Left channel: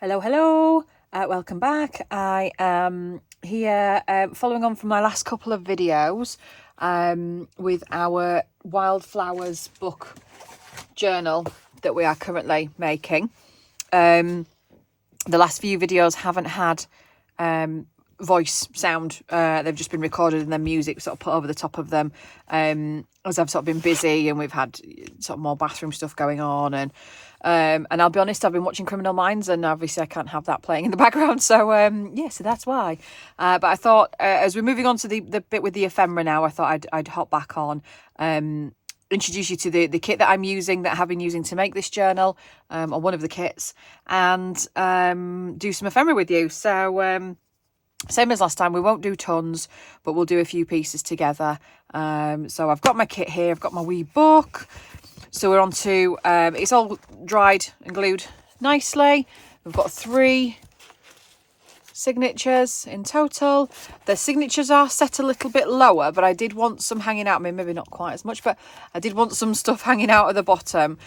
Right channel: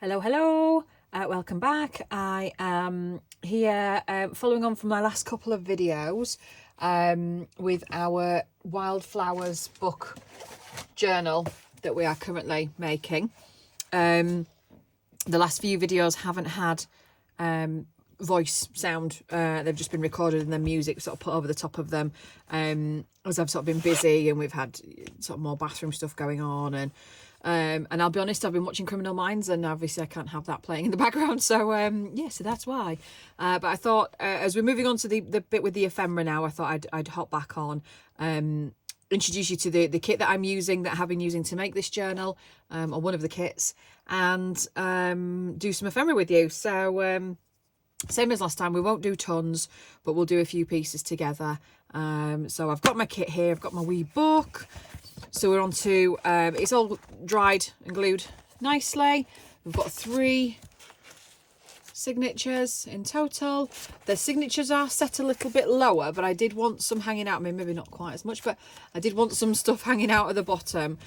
Hello, welcome back. I am here following on from my last couple of videos with our wildflowers book journal that we are currently making. The last few videos haven't had voice sound. They've just been recorded and then music sort of put over the top of them as I've sort of been busy and we've had sort of more bathroom stuff going on, and I'll be honest, I've been watching Criminal Minds and obviously I can't have that playing in the background, so so that's why. But I thought as we're moving on to the bit with the ephemera now, I thought I'd hop back on, introduce you to the kit that I'm using, that I have been using to make this journal, or one of the kits, and do some ephemera with you. So same as last time, we won't do tons, but we'll do a few pieces together. So I've got my kit here, I've got my wee book. So we're on to, it's all dried and glued nicely. We've got 3 signatures in total. The signatures are set a little bit lower, but I did want some hanging out. I mean, maybe not quite as much, but I did want some stuff hanging out at the bottom,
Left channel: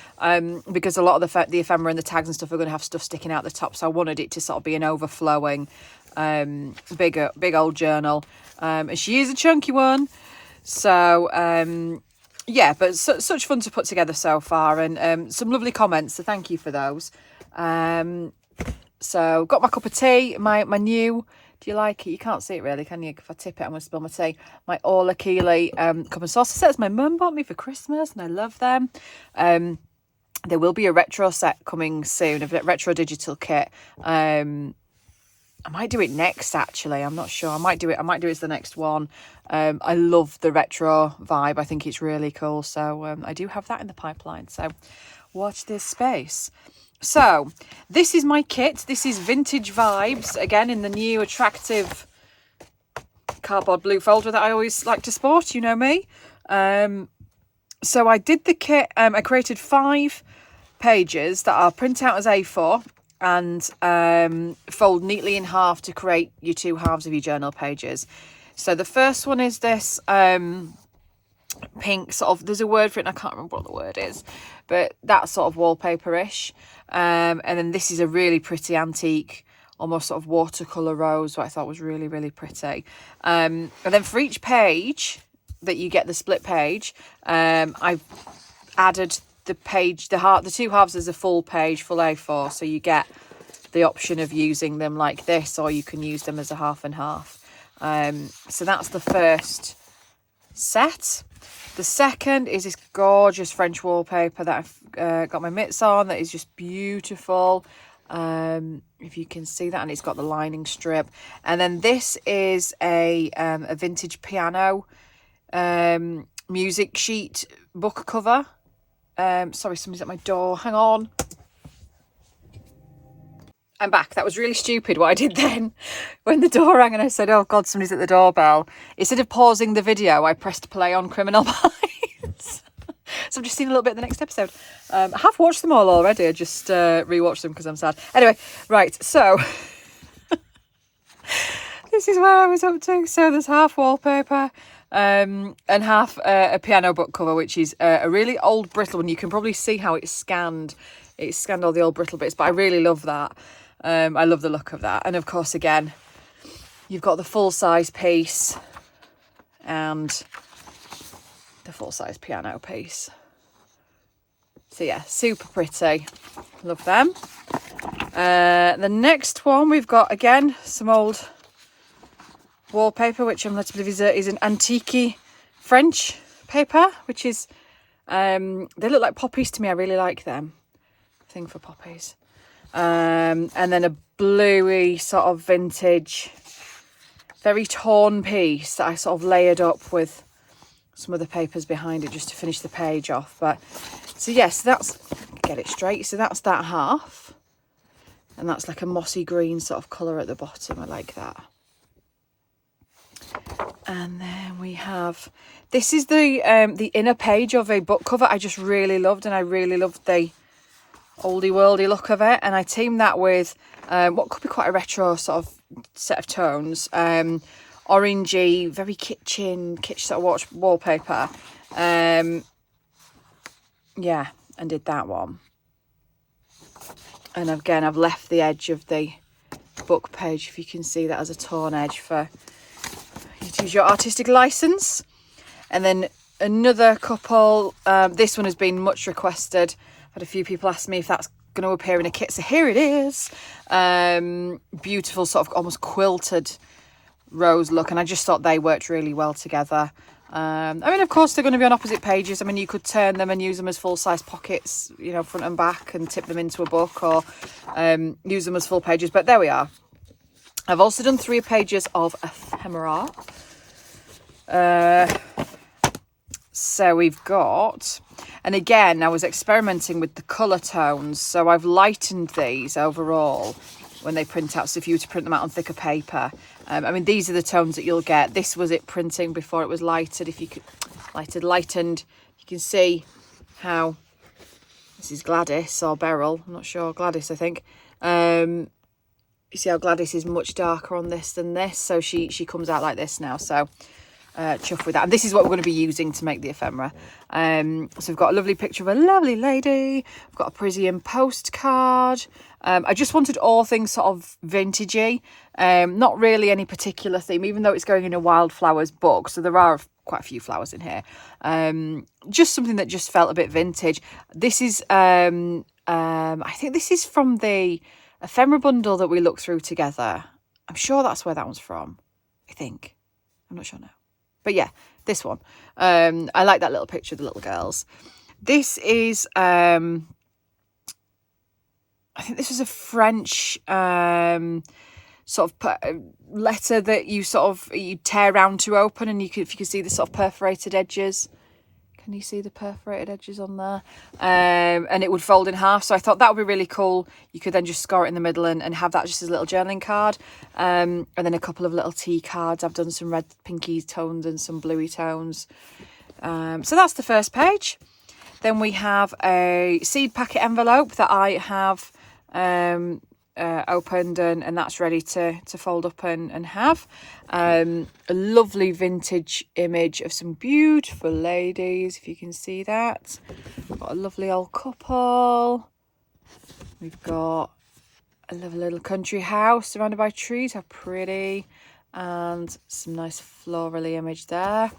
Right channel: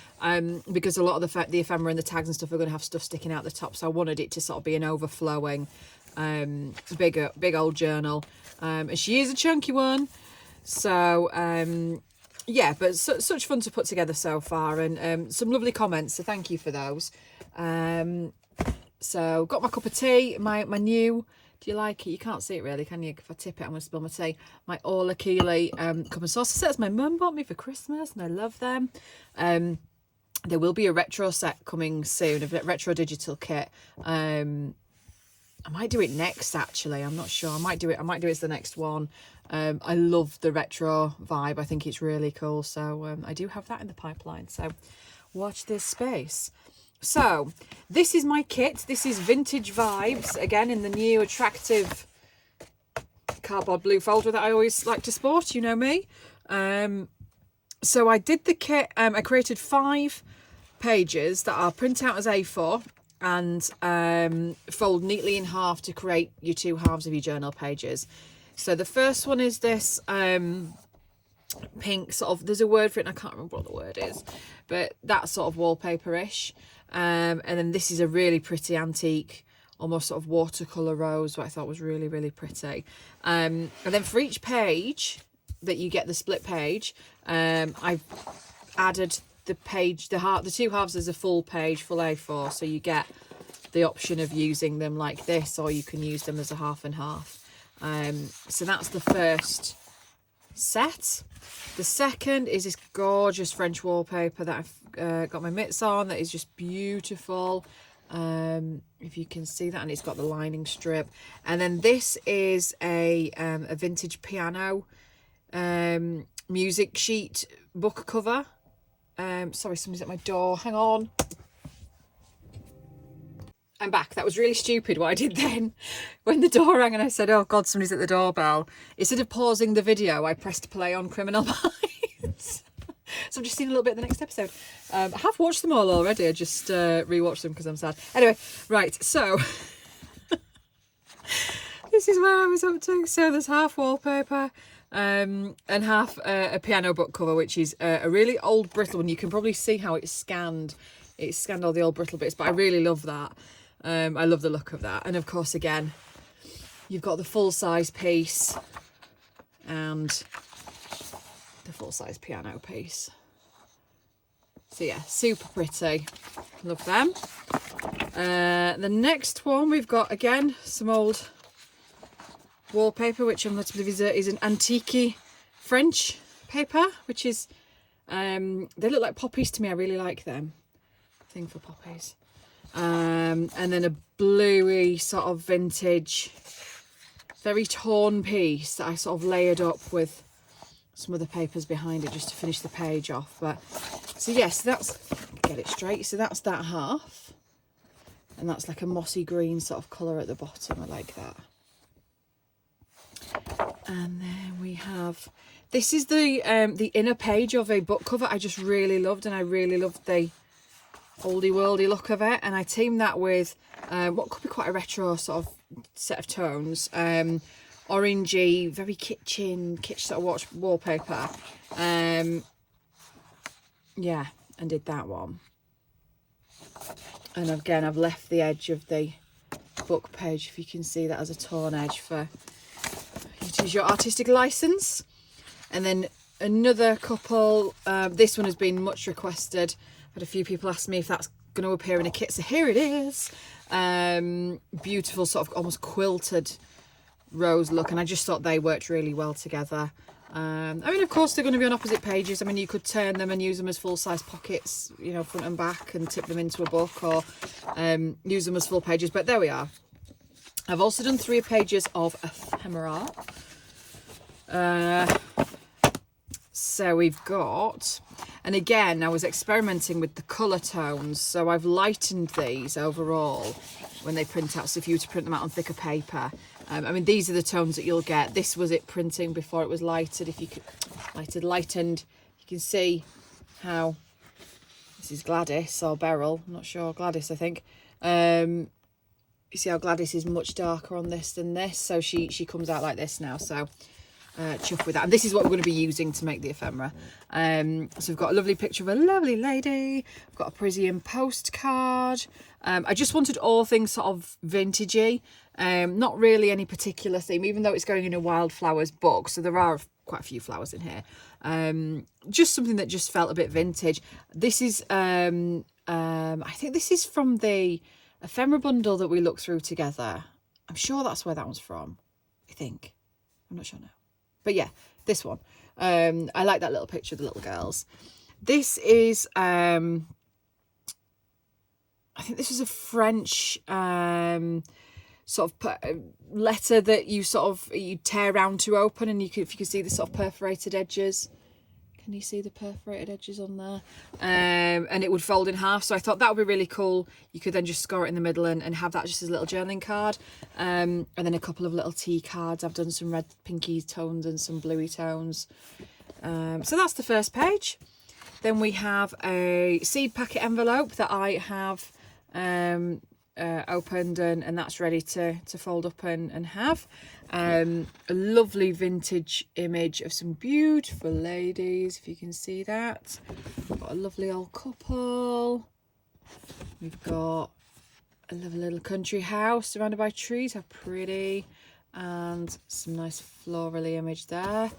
because a lot of the ephemera and the tags and stuff are going to have stuff sticking out the top. So I wanted it to sort of be an overflowing, big old journal. And she is a chunky one. So, yeah, but such fun to put together so far, and some lovely comments, so thank you for those. So got my cup of tea, my new, do you like it? You can't see it really, can you? If I tip it, I'm going to spill my tea. My Orla Keeley cup and saucer sets my mum bought me for Christmas, and I love them. There will be a retro set coming soon, a retro digital kit. I might do it next, actually. I'm not sure. I might do it as the next one. I love the retro vibe. I think it's really cool. So I do have that in the pipeline. So watch this space. So this is my kit. This is Vintage Vibes. Again, in the new attractive cardboard blue folder that I always like to sport. You know me. So I did the kit. I created 5 pages that are print out as A4. And fold neatly in half to create your 2 halves of your journal pages. So the first one is this pink sort of, there's a word for it and I can't remember what the word is, but that sort of wallpaper-ish. And then this is a really pretty antique, almost sort of watercolour rose, what I thought was really, really pretty. And then for each page that you get, the split page, I've added the 2 halves as a full page, full A4, so you get the option of using them like this, or you can use them as a half and half. So that's the first set. The second is this gorgeous French wallpaper that I've got my mitts on, that is just beautiful. If you can see that, and it's got the lining strip. And then this is a vintage piano music sheet book cover. Sorry, somebody's at my door. Hang on. I'm back. That was really stupid what I did then. When the door rang and I said, oh God, somebody's at the doorbell. Instead of pausing the video, I pressed play on Criminal Minds. So I'm just seeing a little bit of the next episode. I have watched them all already. I just rewatched them because I'm sad. Anyway, right. So this is where I was up to. So there's half wallpaper. And half a piano book cover, which is a really old brittle one. You can probably see how it's scanned. It's scanned all the old brittle bits, but I really love that. I love the look of that. And of course, again, you've got the full-size piece and the full-size piano piece. So yeah, super pretty. Love them. The next one we've got, again, some old wallpaper, which I'm led to believe is an antique French paper, which is they look like poppies to me. I really like them. Thing for poppies. And then a bluey sort of vintage, very torn piece that I sort of layered up with some other papers behind it just to finish the page off. But so yes, that's, get it straight, so that's that half, and that's like a mossy green sort of colour at the bottom. I like that. And then we have, this is the inner page of a book cover I just really loved, and I really loved the oldie worldy look of it, and I teamed that with what could be quite a retro sort of set of tones, orangey, very kitchen sort of wallpaper. Yeah, and did that one. And again, I've left the edge of the book page, if you can see that, as a torn edge for you to use your artistic license. And then another couple, this one has been much requested. I've had a few people ask me if that's going to appear in a kit, so here it is. Beautiful sort of almost quilted rose look, and I just thought they worked really well together. I mean, of course, they're going to be on opposite pages. I mean, you could turn them and use them as full-size pockets, you know, front and back, and tip them into a book, or use them as full pages. But there we are. I've also done 3 pages of ephemera. So we've got, and again, I was experimenting with the colour tones. So I've lightened these overall when they print out. So if you were to print them out on thicker paper, I mean, these are the tones that you'll get. This was it printing before it was lighted. If you could, lightened, you can see how, this is Gladys or Beryl, I'm not sure, Gladys, I think. You see how Gladys is much darker on this than this. So she comes out like this now. So chuff with that. And this is what we're going to be using to make the ephemera. So we've got a lovely picture of a lovely lady. We've got a Parisian postcard. I just wanted all things sort of vintagey. Not really any particular theme, even though it's going in a wildflowers book. So there are quite a few flowers in here. Just something that just felt a bit vintage. This is, I think this is from the ephemera bundle that we looked through together. I'm sure that's where that one's from. I think. I'm not sure now. But yeah, this one. I like that little picture of the little girls. This is, I think this was a French sort of letter that you you tear round to open, and if you can see the sort of perforated edges. Can you see the perforated edges on there? And it would fold in half. So I thought that would be really cool. You could then just score it in the middle and have that just as a little journaling card. And then a couple of little tea cards. I've done some red pinky tones and some bluey tones. So that's the first page. Then we have a seed packet envelope that I have opened, and that's ready to fold up and have. A lovely vintage image of some beautiful ladies, if you can see that. Got a lovely old couple. We've got a lovely little country house surrounded by trees, how pretty, and some nice florally image there.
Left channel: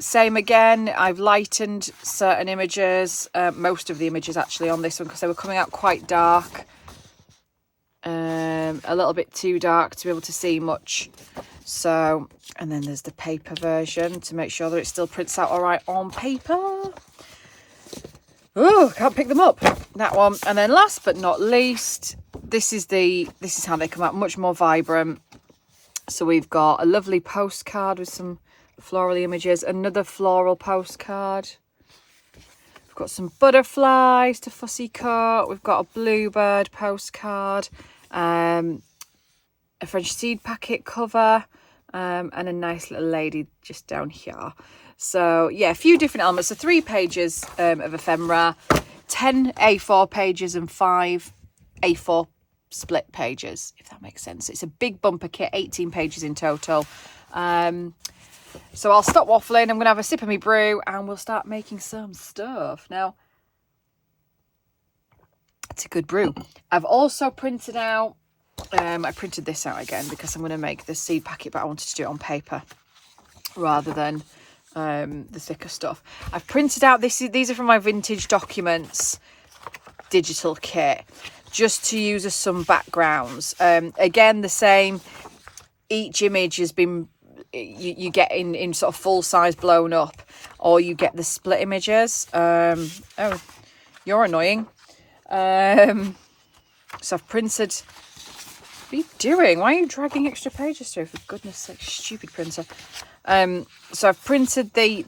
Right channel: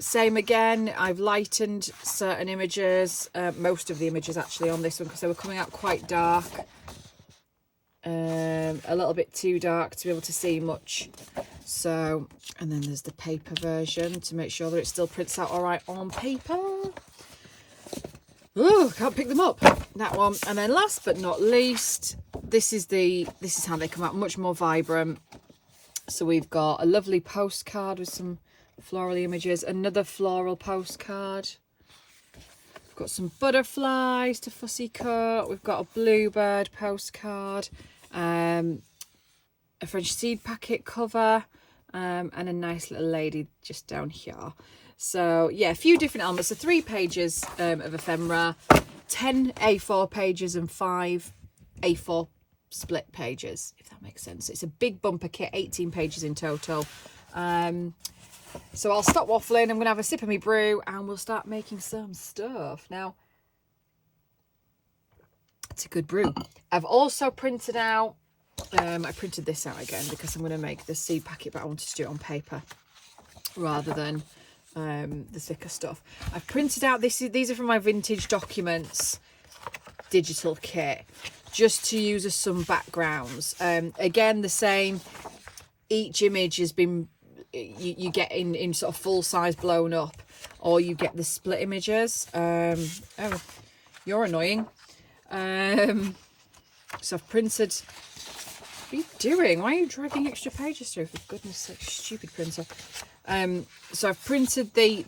Same again, I've lightened certain images, most of the images actually on this one, because they were coming out quite dark. A little bit too dark to be able to see much. So, and then there's the paper version to make sure that it still prints out all right on paper. Oh, can't pick them up. That one. And then last but not least, this is how they come out, much more vibrant. So we've got a lovely postcard with some floral images, another floral postcard. We've got some butterflies to fussy cut. We've got a bluebird postcard, a French seed packet cover, and a nice little lady just down here. So yeah, a few different elements. So 3 pages of ephemera, 10 A4 pages and 5 A4 split pages, if that makes sense. It's a big bumper kit, 18 pages in total. So I'll stop waffling. I'm going to have a sip of my brew and we'll start making some stuff. Now, it's a good brew. I've also printed out, I printed this out again because I'm going to make the seed packet, but I wanted to do it on paper rather than the thicker stuff. I've printed out, these are from my vintage documents digital kit, just to use as some backgrounds. Again, the same, each image has been, you get in sort of full size blown up, or you get the split images. Oh, you're annoying. So I've printed, what are you doing? Why are you dragging extra pages through, for goodness sake, stupid printer. So I've printed the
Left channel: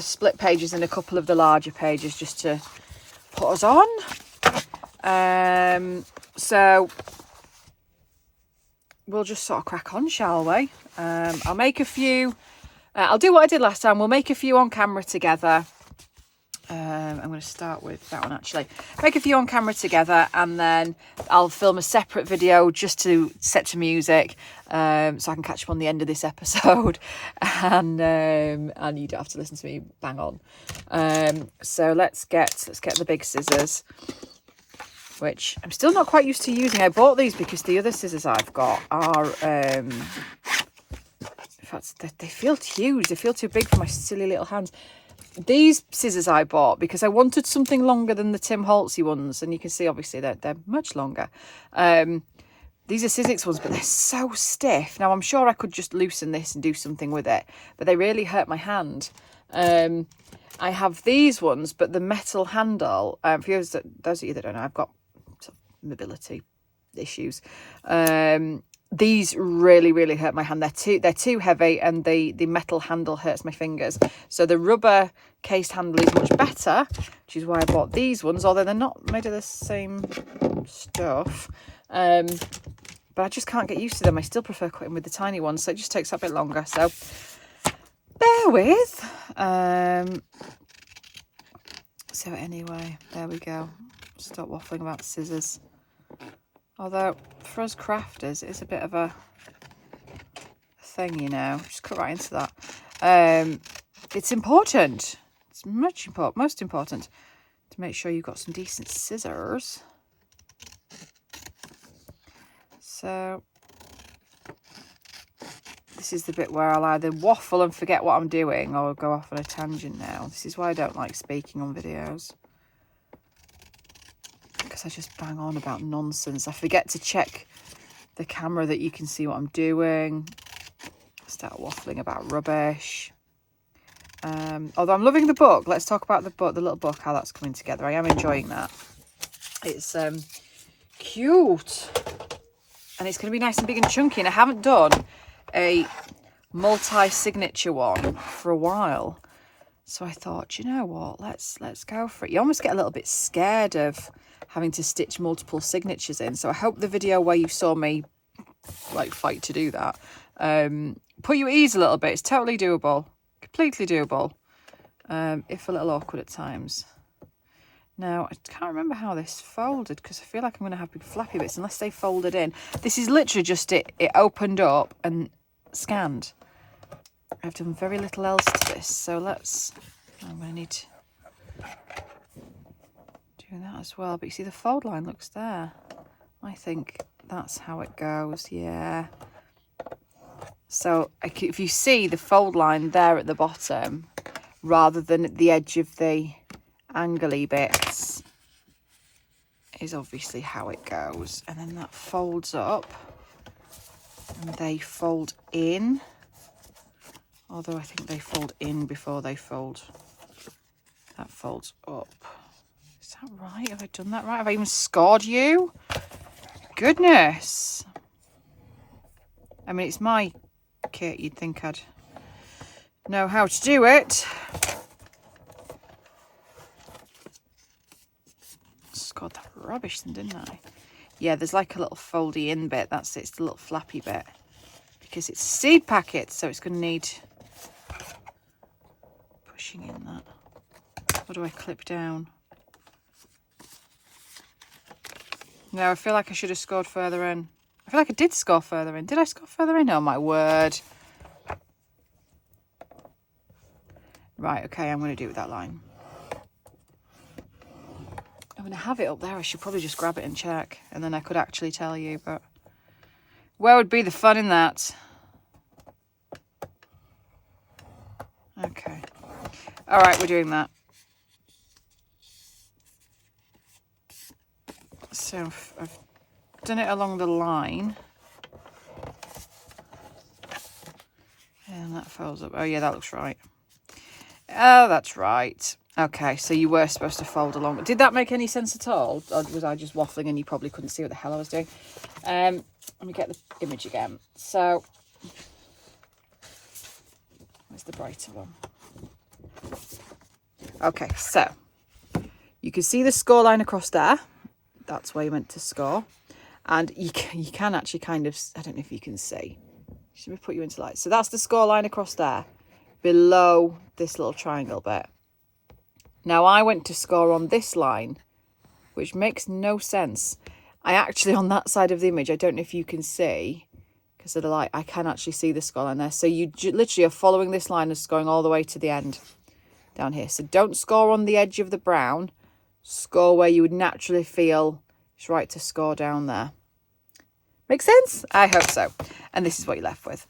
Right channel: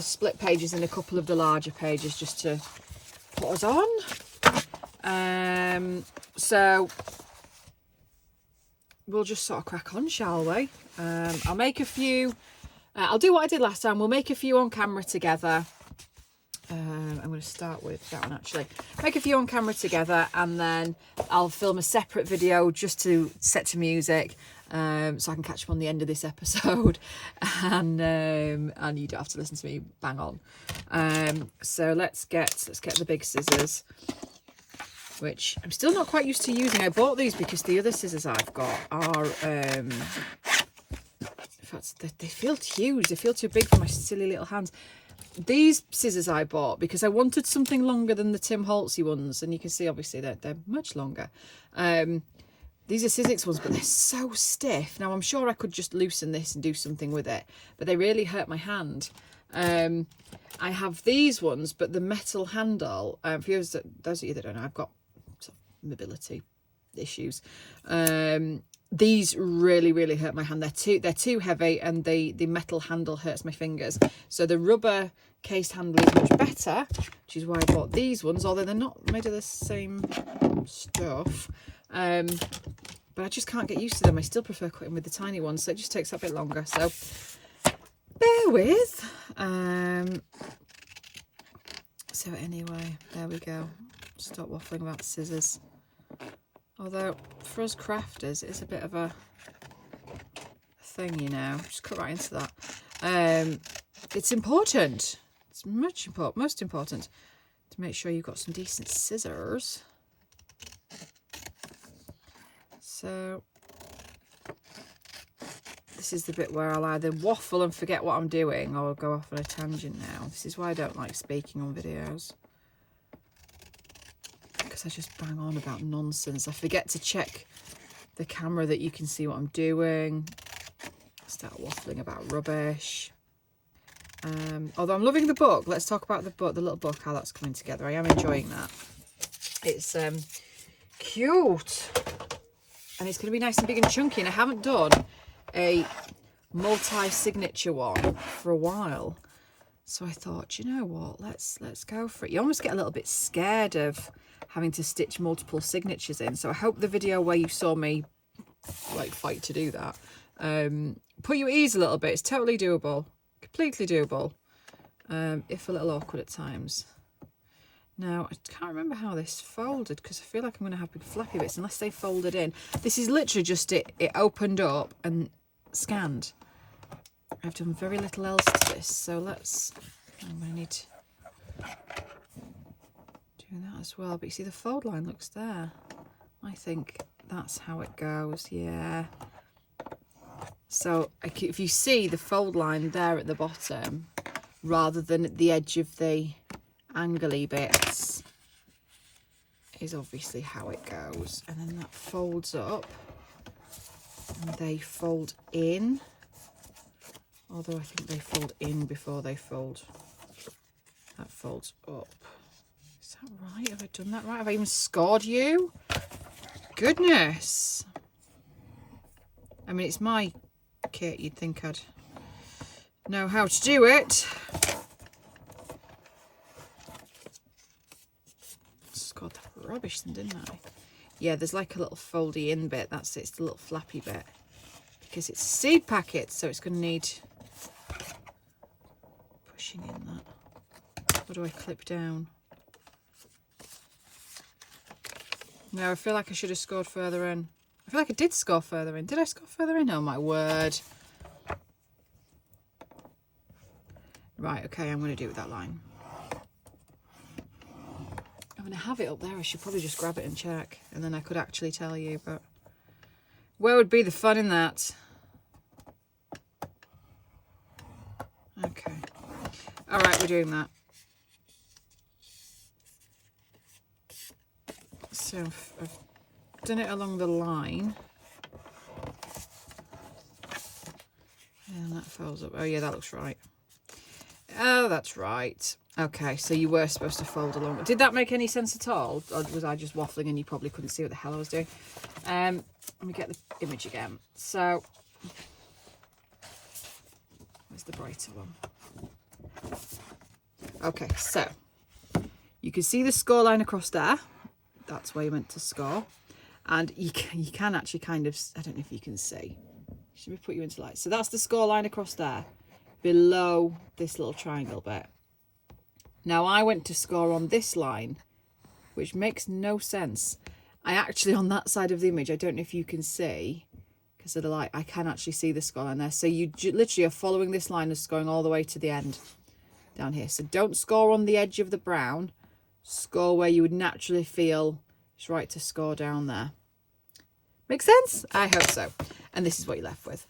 split pages in a couple of the larger pages just to put us on. So we'll just sort of crack on, shall we? I'll make a few, I'll do what I did last time. We'll make a few on camera together. I'm going to start with that one actually. Make a few on camera together, and then I'll film a separate video just to set to music, so I can catch up on the end of this episode, and you don't have to listen to me bang on. So let's get the big scissors. which I'm still not quite used to using. I bought these because the other scissors I've got are, in fact, they feel huge. They feel too big for my silly little hands. These scissors I bought because I wanted something longer than the Tim Holtzy ones. And you can see, obviously, they're much longer. These are Sizzix ones, but they're so stiff. Now, I'm sure I could just loosen this and do something with it, but they really hurt my hand. I have these ones, but the metal handle, for those of you that don't know, I've got sort of mobility issues. These really, really hurt my hand. They're too heavy, and the metal handle hurts my fingers. So the rubber cased handle is much better, which is why I bought these ones, although they're not made of the same stuff. But I just can't get used to them. I still prefer cutting with the tiny ones, so it just takes a bit longer. So bear with. So anyway, there we go. Stop waffling about the scissors. Although for us crafters, it's a bit of a thing, you know. Just cut right into that. It's important. It's most important to make sure you've got some decent scissors. So this is the bit where I'll either waffle and forget what I'm doing, or go off on a tangent now. This is why I don't like speaking on videos, because I just bang on about nonsense. I forget to check the camera that you can see what I'm doing. I start waffling about rubbish. Although I'm loving the book. Let's talk about the book, the little book, how that's coming together. I am enjoying that. It's cute. And it's going to be nice and big and chunky. And I haven't done a multi-signature one for a while. So I thought, you know what, let's go for it. You almost get a little bit scared of having to stitch multiple signatures in. So I hope the video where you saw me like fight to do that, put you at ease a little bit. It's totally doable. Completely doable. If a little awkward at times. Now, I can't remember how this folded, because I feel like I'm going to have big flappy bits unless they folded in. This is literally just it opened up and scanned. I've done very little else to this, so I'm going to need to do that as well. But you see the fold line looks there. I think that's how it goes, yeah. So if you see the fold line there at the bottom, rather than at the edge of the angly bits, is obviously how it goes. And then that folds up and they fold in, although I think they fold in before they fold. That folds up. Is that right? Have I done that right? Have I even scored you? Goodness. I mean, it's my kit. You'd think I'd know how to do it. Scored that rubbish then, didn't I? Yeah, there's like a little foldy in bit. That's it. It's the little flappy bit. Because it's seed packets, so it's going to need pushing in that. What do I clip down? No, I feel like I should have scored further in. I feel like I did score further in. Did I score further in? Oh, my word. Right, okay, I'm going to do it with that line. I'm going to have it up there. I should probably just grab it and check, and then I could actually tell you, but where would be the fun in that? Okay. All right, we're doing that. So I've done it along the line. And that folds up. Oh, yeah, that looks right. Oh, that's right. Okay, so you were supposed to fold along. Did that make any sense at all? Or was I just waffling and you probably couldn't see what the hell I was doing? Let me get the image again. So, where's the brighter one? Okay, so you can see the score line across there. That's where you meant to score. And you can actually kind of, I don't know if you can see. Should we put you into light? So that's the score line across there, below this little triangle bit. Now I went to score on this line, which makes no sense. I actually, on that side of the image, I don't know if you can see, because of the light, I can actually see the score line there. So you literally are following this line as going all the way to the end down here. So don't score on the edge of the brown. Score where you would naturally feel It's right to score down there. Make sense? I hope so. And this is what you're left with.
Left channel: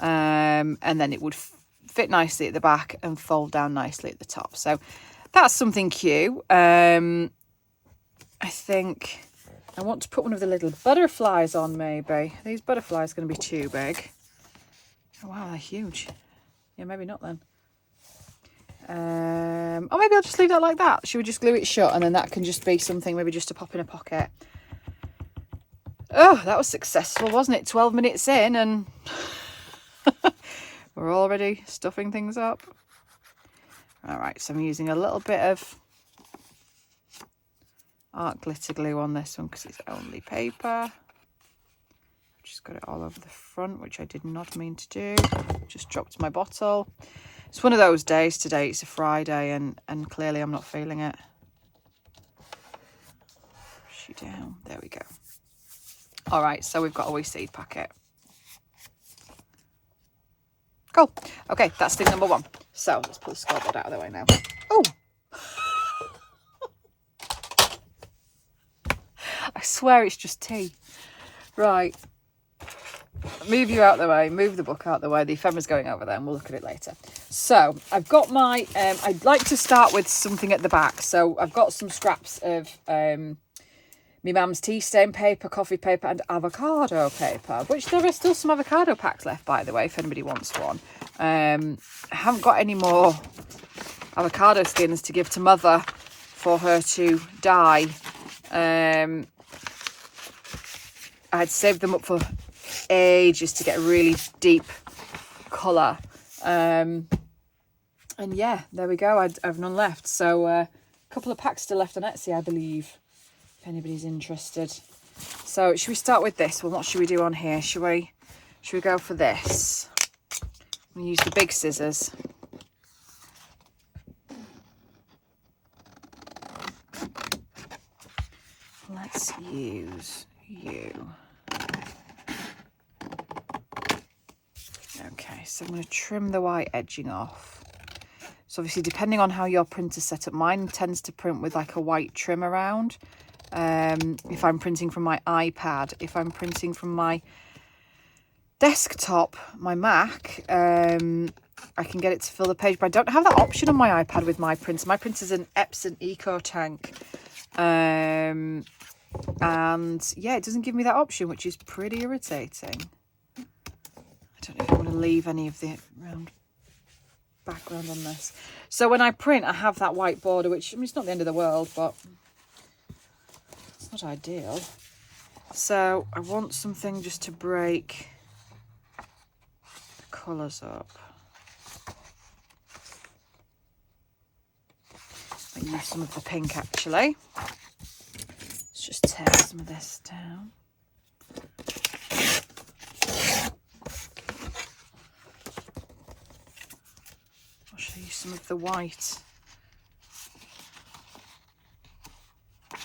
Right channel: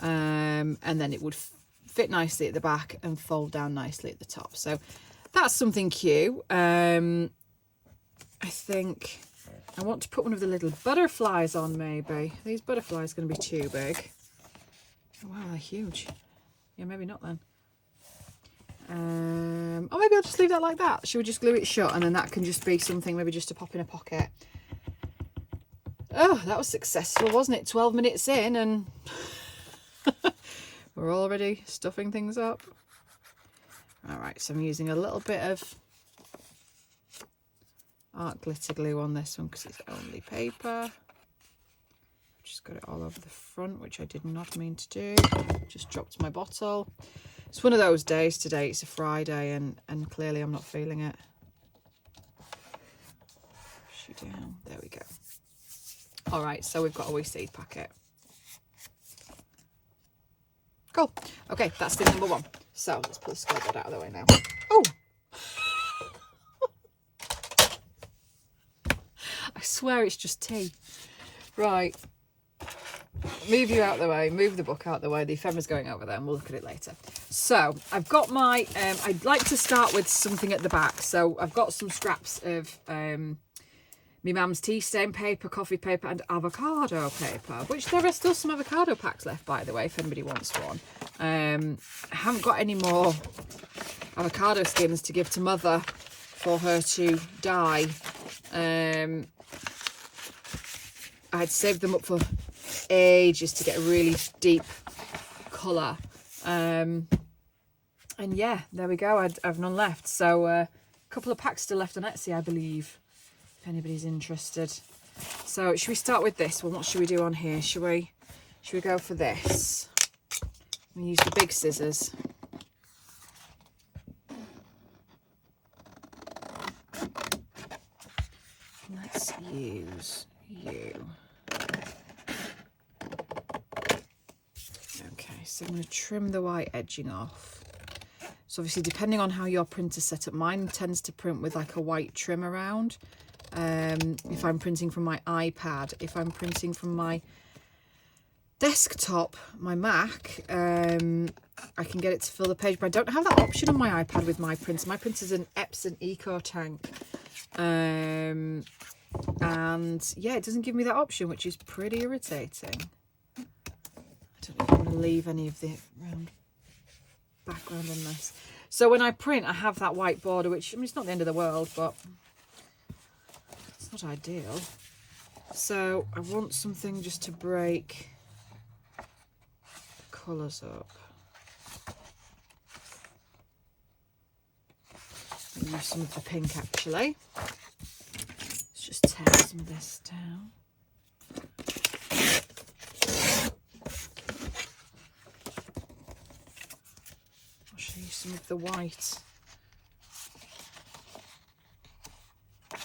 And then it would fit nicely at the back and fold down nicely at the top. So that's something cute. I think I want to put one of the little butterflies on maybe. Are these butterflies going to be too big? Oh, wow, they're huge. Yeah, maybe not then. Or maybe I'll just leave that like that. Should we just glue it shut and then that can just be something maybe just to pop in a pocket? Oh, that was successful, wasn't it? 12 minutes in and we're already stuffing things up. All right, so I'm using a little bit of art glitter glue on this one because it's only paper. Just got it all over the front, which I did not mean to do. Just dropped my bottle. It's one of those days today. It's a Friday and clearly I'm not feeling it. Push you down. There we go. All right, so we've got a wee seed packet. Cool. Okay, that's thing number one. So let's pull the scoreboard out of the way now. Oh! I swear it's just tea. Right. Move you out the way, move the book out the way. The ephemera's going over there and we'll look at it later. So I've got my, I'd like to start with something at the back. So I've got some scraps of my mum's tea stain paper, coffee paper and avocado paper, which there are still some avocado packs left, by the way, if anybody wants one. I haven't got any more avocado skins to give to Mother for her to dye. I had saved them up for ages to get a really deep colour. And yeah, there we go. I've none left. So a couple of packs still left on Etsy, I believe, if anybody's interested. So should we start with this? Well, what should we do on here? Should we go for this? I'm going to use the big scissors. Let's use you. Okay, so I'm going to trim the white edging off. So obviously, depending on how your printer's set up, mine tends to print with like a white trim around. If I'm printing from my iPad, if I'm printing from my desktop, my Mac, I can get it to fill the page, but I don't have that option on my iPad with my printer. My printer's an Epson EcoTank. And yeah, it doesn't give me that option, which is pretty irritating. I don't know if I want to leave any of the background on this. So when I print, I have that white border, which, I mean, it's not the end of the world, but it's not ideal. So I want something just to break the colours up. I use some of the pink, actually. Let's just tear some of this down. I'll show you some of the white. I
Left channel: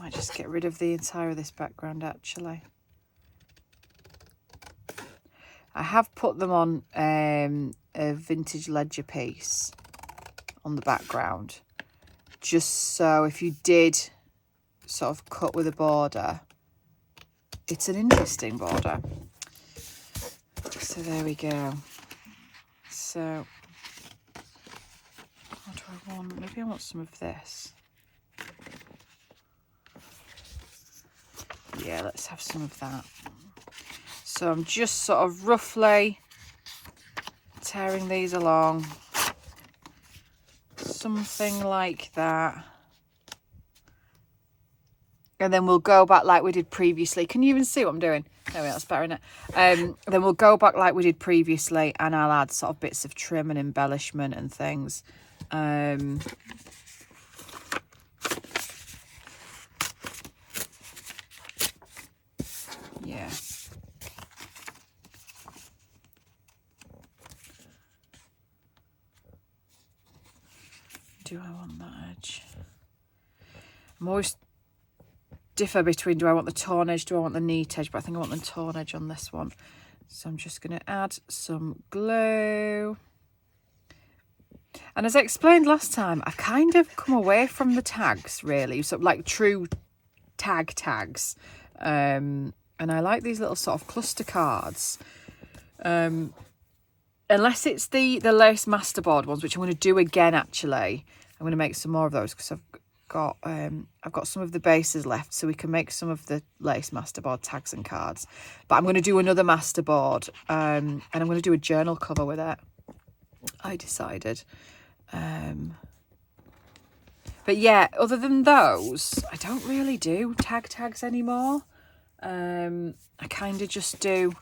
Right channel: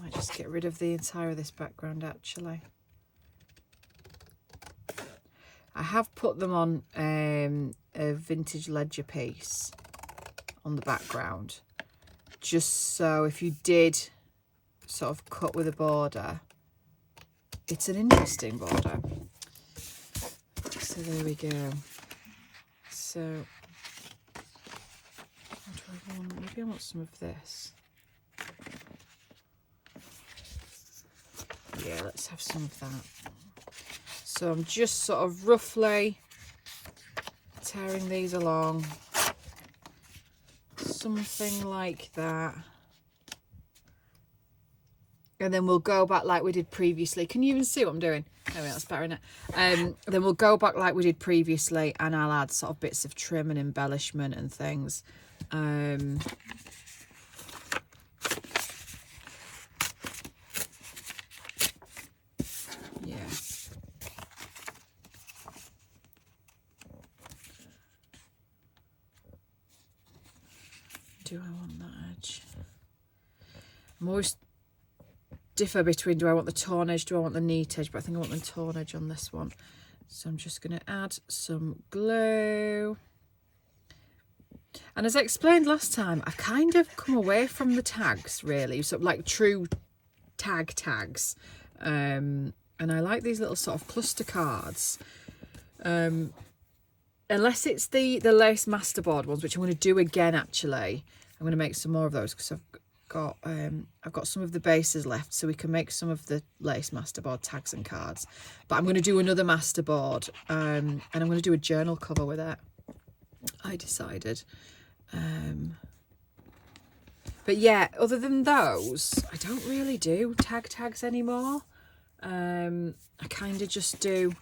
might just get rid of the entire of this background, actually. I have put them on a vintage ledger piece on the background, just so if you did sort of cut with a border, it's an interesting border. So there we go. So what do I want? Maybe I want some of this. Yeah, let's have some of that. So I'm just sort of roughly tearing these along. Something like that. And then we'll go back like we did previously. Can you even see what I'm doing? There we are, that's better, isn't it? Then we'll go back like we did previously and I'll add sort of bits of trim and embellishment and things. Yeah. Do I want that edge? I'm always differ between, do I want the torn edge, do I want the neat edge, but I think I want the torn edge on this one. So I'm just going to add some glue. And as I explained last time, I kind of come away from the tags, really, so like true tags. And I like these little sort of cluster cards. Unless it's the lace masterboard ones, which I'm going to do again. Actually, I'm going to make some more of those because I've got some of the bases left, so we can make some of the lace masterboard tags and cards. But I'm going to do another masterboard, and I'm going to do a journal cover with it, I decided. But yeah, other than those, I don't really do tags anymore. I kind of just do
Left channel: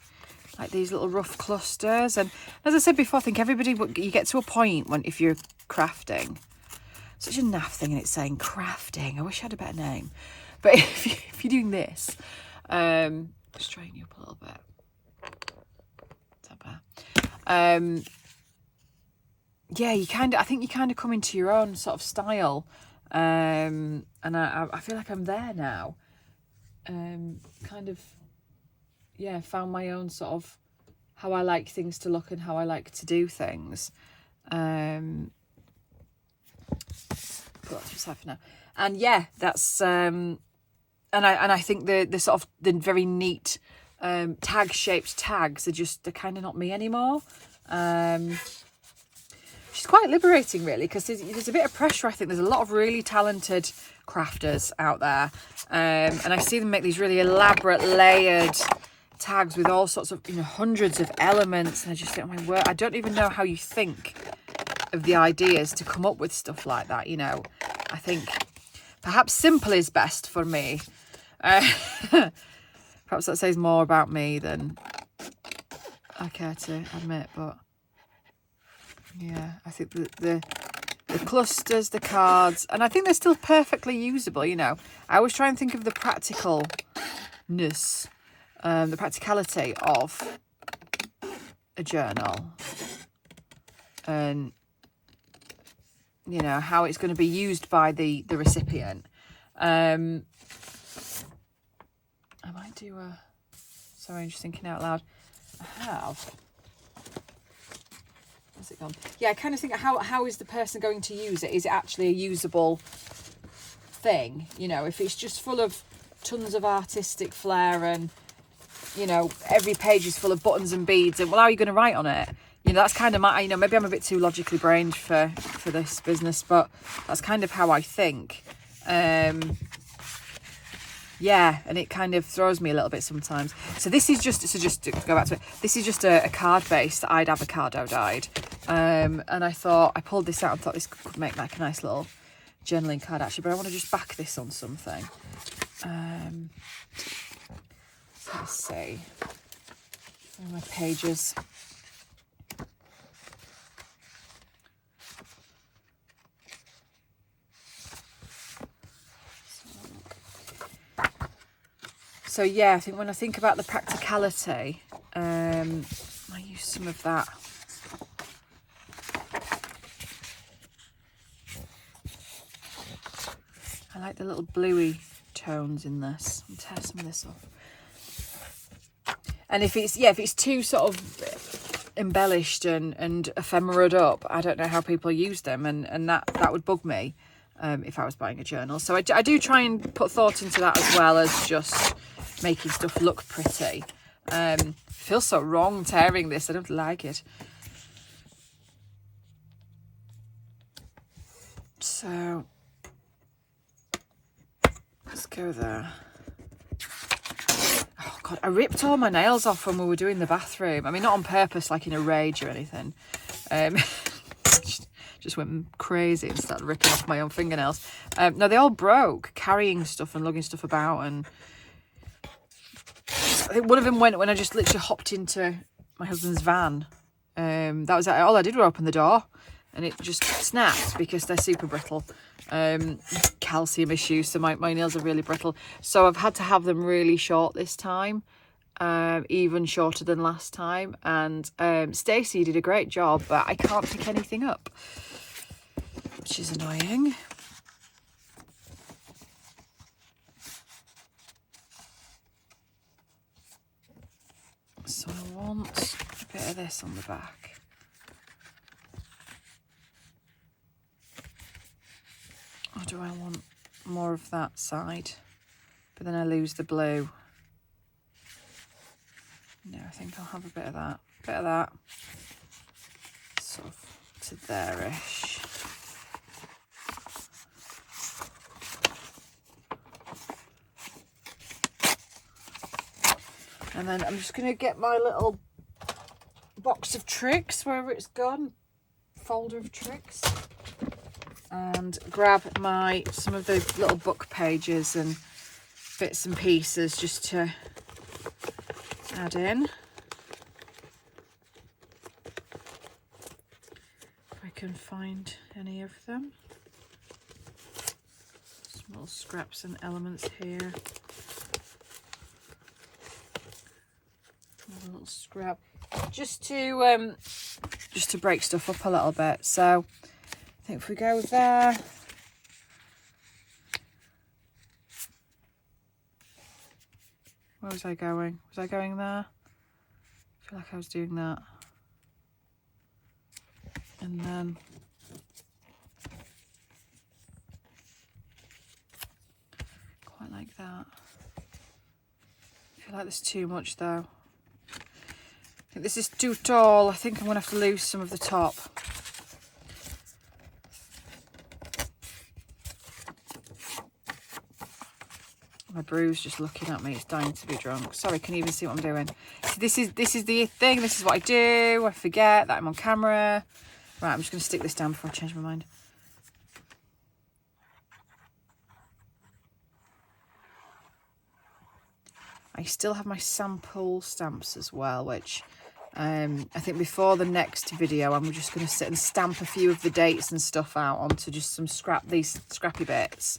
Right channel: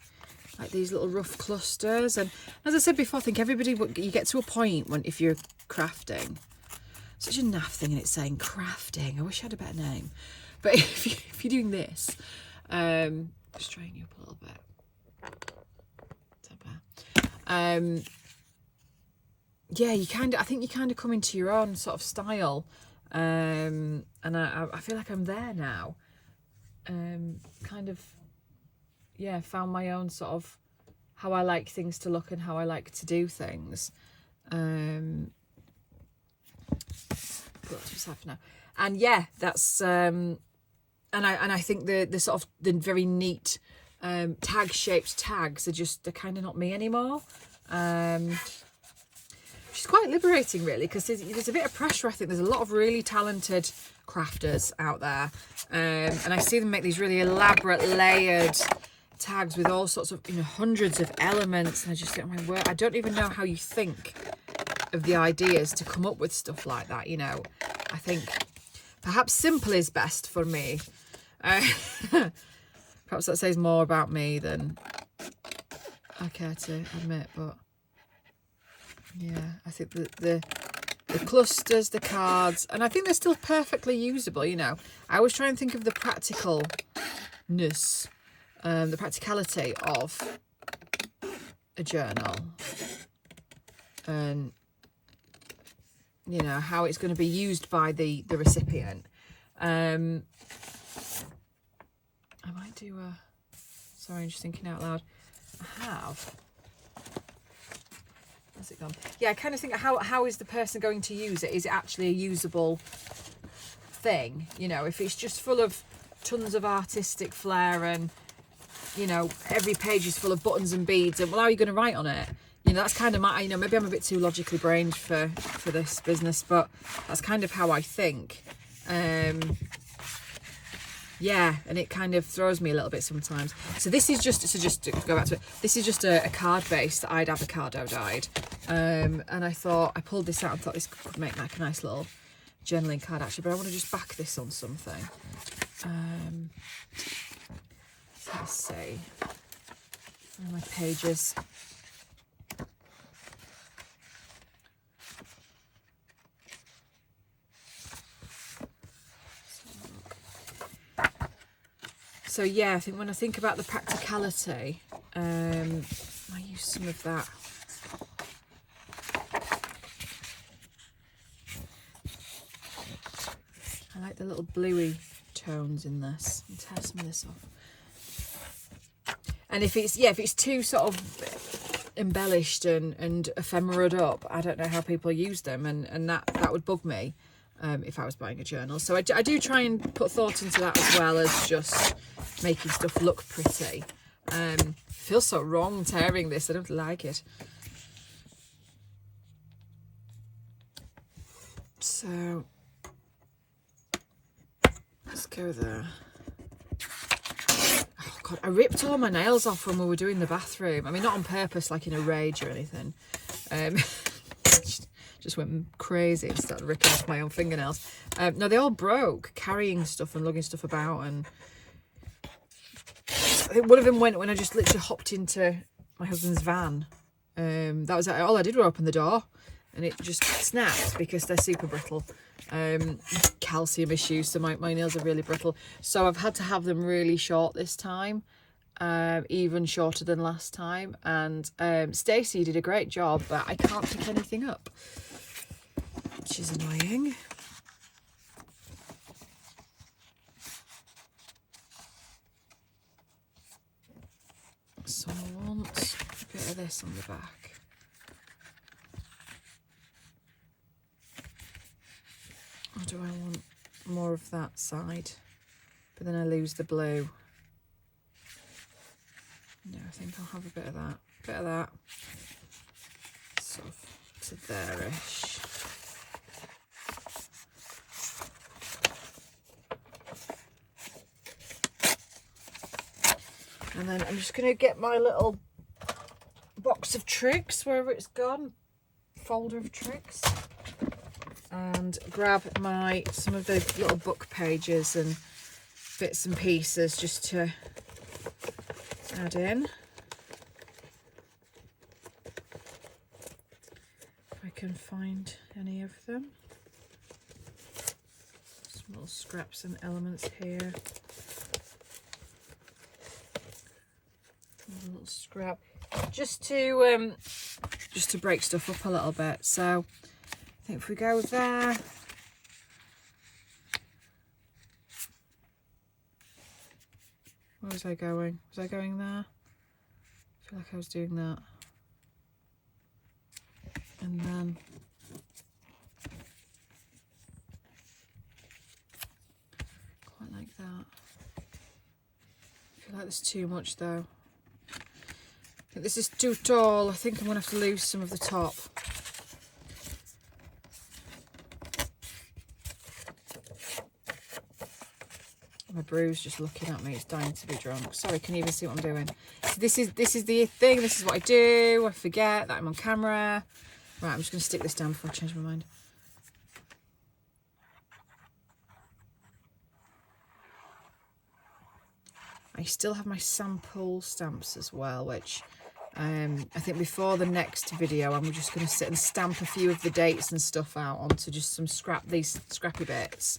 like these little rough clusters. And as I said before, I think you get to a point when, if you're crafting, such a naff thing, and it's saying crafting. I wish I had a better name. But if you're doing this, straighten you up a little bit. Is that better? Yeah, I think you kind of come into your own sort of style. And I feel like I'm there now. Kind of, yeah, found my own sort of how I like things to look and how I like to do things. But that's what's happening now. And yeah, that's and I think the sort of the very neat tag shaped tags they're kind of not me anymore. Which is quite liberating, really, because there's a bit of pressure. I think there's a lot of really talented crafters out there, and I see them make these really elaborate layered tags with all sorts of, hundreds of elements, and I just think, oh my word, I don't even know how you think of the ideas to come up with stuff like that. I think perhaps simple is best for me. Perhaps that says more about me than I care to admit, but yeah, I think the clusters, the cards, and I think they're still perfectly usable. I always try and think of the practicalness, the practicality of a journal, and how it's going to be used by the recipient. I might do a, sorry, I'm just thinking out loud. Where's it gone? Yeah, I kind of think, how is the person going to use it? Is it actually a usable thing? If it's just full of tons of artistic flair and, every page is full of buttons and beads, and well, how are you going to write on it? That's kind of my, maybe I'm a bit too logically brained for this business, but that's kind of how I think. Yeah, and it kind of throws me a little bit sometimes. So this is just to go back to it, this is just a card base that I'd avocado dyed. And I thought, I pulled this out and thought this could make like a nice little journaling card actually, but I want to just back this on something. So let's see. Where are my pages? So yeah, I think when I think about the practicality, I use some of that. I like the little bluey tones in this. I'll tear some of this off. And if it's too sort of embellished and ephemeraed up, I don't know how people use them, and that would bug me if I was buying a journal. So I do try and put thought into that as well as just making stuff look pretty. Feels so wrong tearing this. I don't like it. So let's go there. Oh God, I ripped all my nails off when we were doing the bathroom. I mean, not on purpose, like in a rage or anything. Just went crazy and started ripping off my own fingernails. No, they all broke carrying stuff and lugging stuff about, and I think one of them went when I just literally hopped into my husband's van. That was all I did was open the door, and it just snapped because they're super brittle. Calcium issues, so my nails are really brittle. So I've had to have them really short this time, even shorter than last time. And Stacey did a great job, but I can't pick anything up, which is annoying. So I want a bit of this on the back. Or do I want more of that side? but then I lose the blue. No, I think I'll have a bit of that, sort of to there-ish. And then I'm just going to get my little box of tricks, wherever it's gone, folder of tricks, and grab some of the little book pages and bits and pieces just to add in. If I can find any of them. Small scraps and elements here. A little scrap, just to break stuff up a little bit. So I think if we go there, where was I going? Was I going there? I feel like I was doing that, and then quite like that. I feel like there's too much though. I think this is too tall. I think I'm going to have to lose some of the top. My brew's just looking at me. It's dying to be drunk. Sorry, can you even see what I'm doing? So this is the thing. This is what I do. I forget that I'm on camera. Right, I'm just going to stick this down before I change my mind. I still have my sample stamps as well, which I think before the next video I'm just going to sit and stamp a few of the dates and stuff out onto just some these scrappy bits,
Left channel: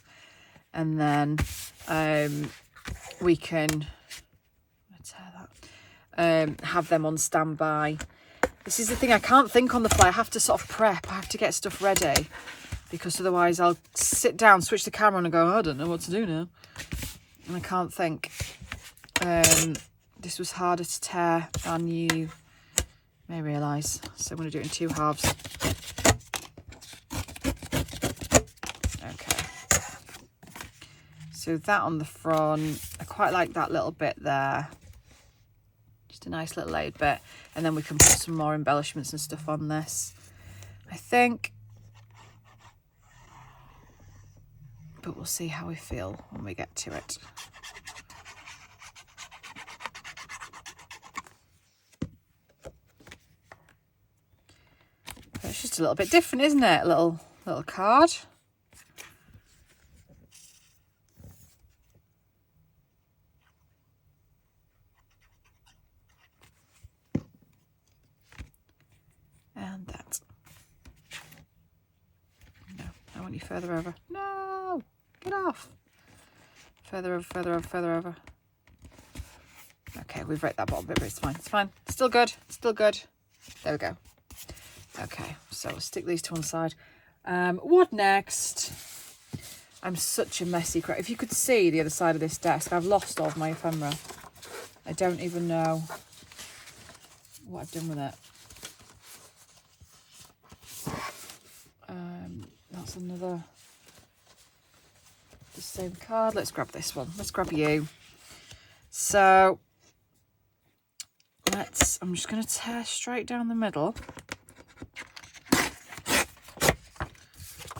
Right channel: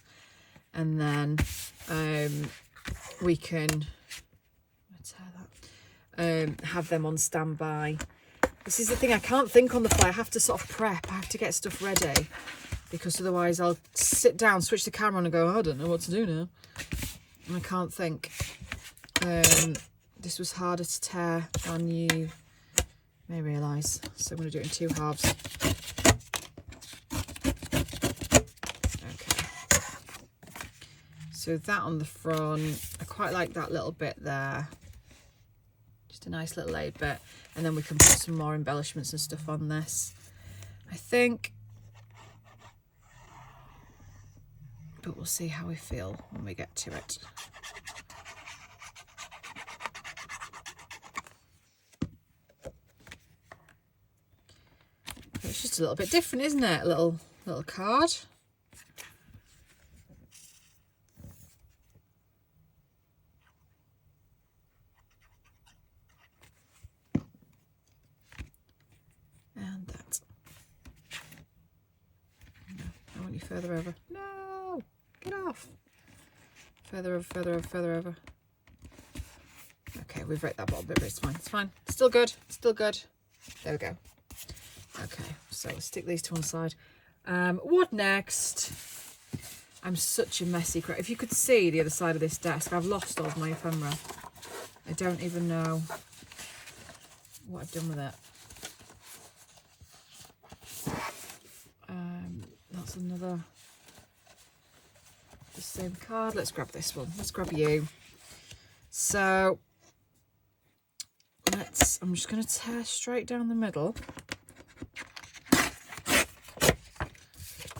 and then we can have them on standby. This is the thing, I can't think on the fly. I have to sort of prep. I have to get stuff ready, because otherwise I'll sit down, switch the camera on and go, I don't know what to do now, and I can't think. This was harder to tear than you may realise, so I'm going to do it in 2 halves. Okay, so that on the front, I quite like that little bit there, just a nice little laid bit, and then we can put some more embellishments and stuff on this, I think, but we'll see how we feel when we get to it. It's just a little bit different, isn't it? A little card. And that. No, I want you further over. No, get off. Further over, further over, further over. Okay, we've wrecked that bottom bit, but it's fine. It's fine. Still good. Still good. There we go. Okay, so we'll stick these to one side. What next? I'm such a messy crap. If you could see the other side of this desk, I've lost all of my ephemera. I don't even know what I've done with it. That's another, the same card. Let's grab this one. Let's grab you. So I'm just going to tear straight down the middle.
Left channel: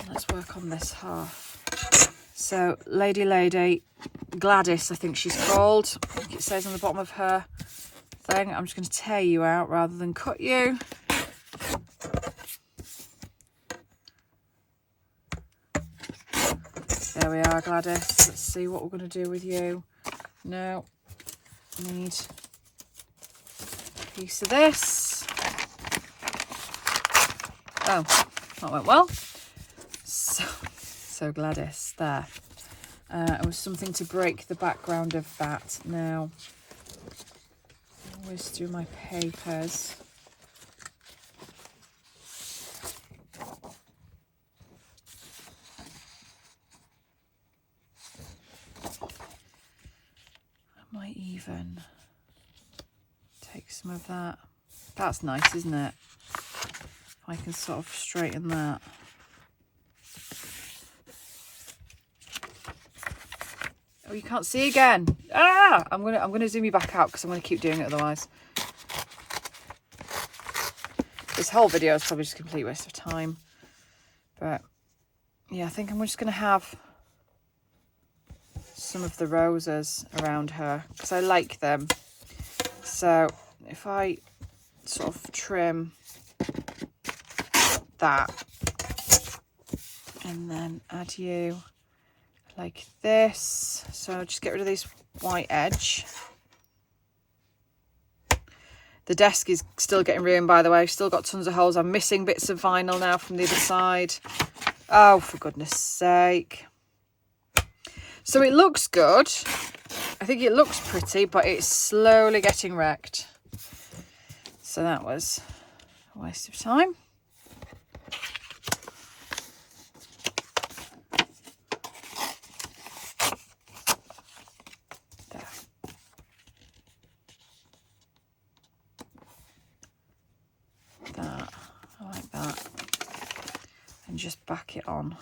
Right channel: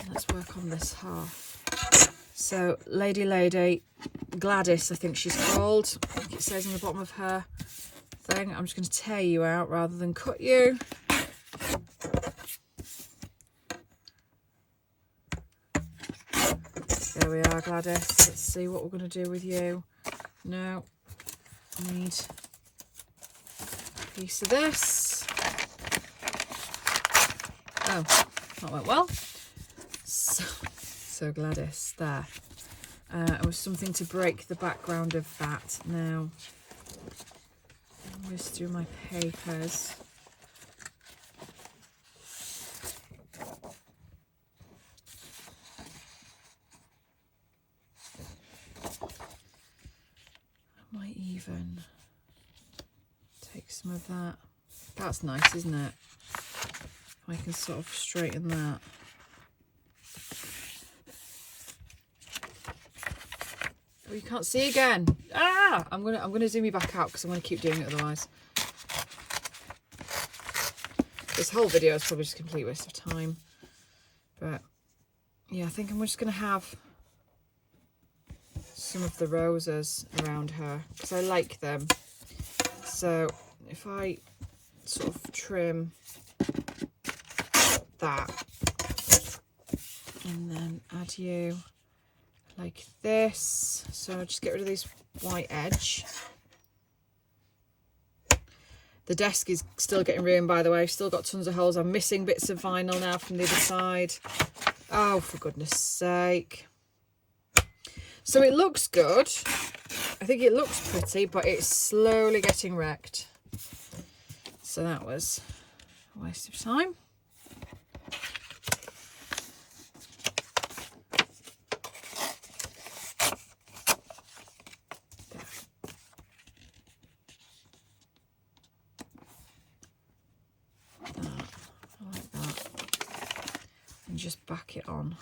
Let's work on this half. So Lady Gladys, I think she's called. I think it says on the bottom of her thing. I'm just going to tear you out rather than cut you. There we are, Gladys. Let's see what we're going to do with you. No, need a piece of this. Oh, that went well. So Gladys, there. It was something to break the background of that. Now, I always do my papers. I might even take some of that. That's nice, isn't it? If I can sort of straighten that. Oh, you can't see again. Ah! I'm gonna zoom you back out because I'm gonna keep doing it otherwise. This whole video is probably just a complete waste of time. But yeah, I think I'm just gonna have some of the roses around her because I like them. So if I sort of trim that and then add you like this, so just get rid of this white edge. The desk is still getting ruined, by the way. Still got tons of holes. I'm missing bits of vinyl now from the other side. Oh, for goodness sake. So it looks good. I think it looks pretty, but it's slowly getting wrecked. So that was a waste of time. Just back it on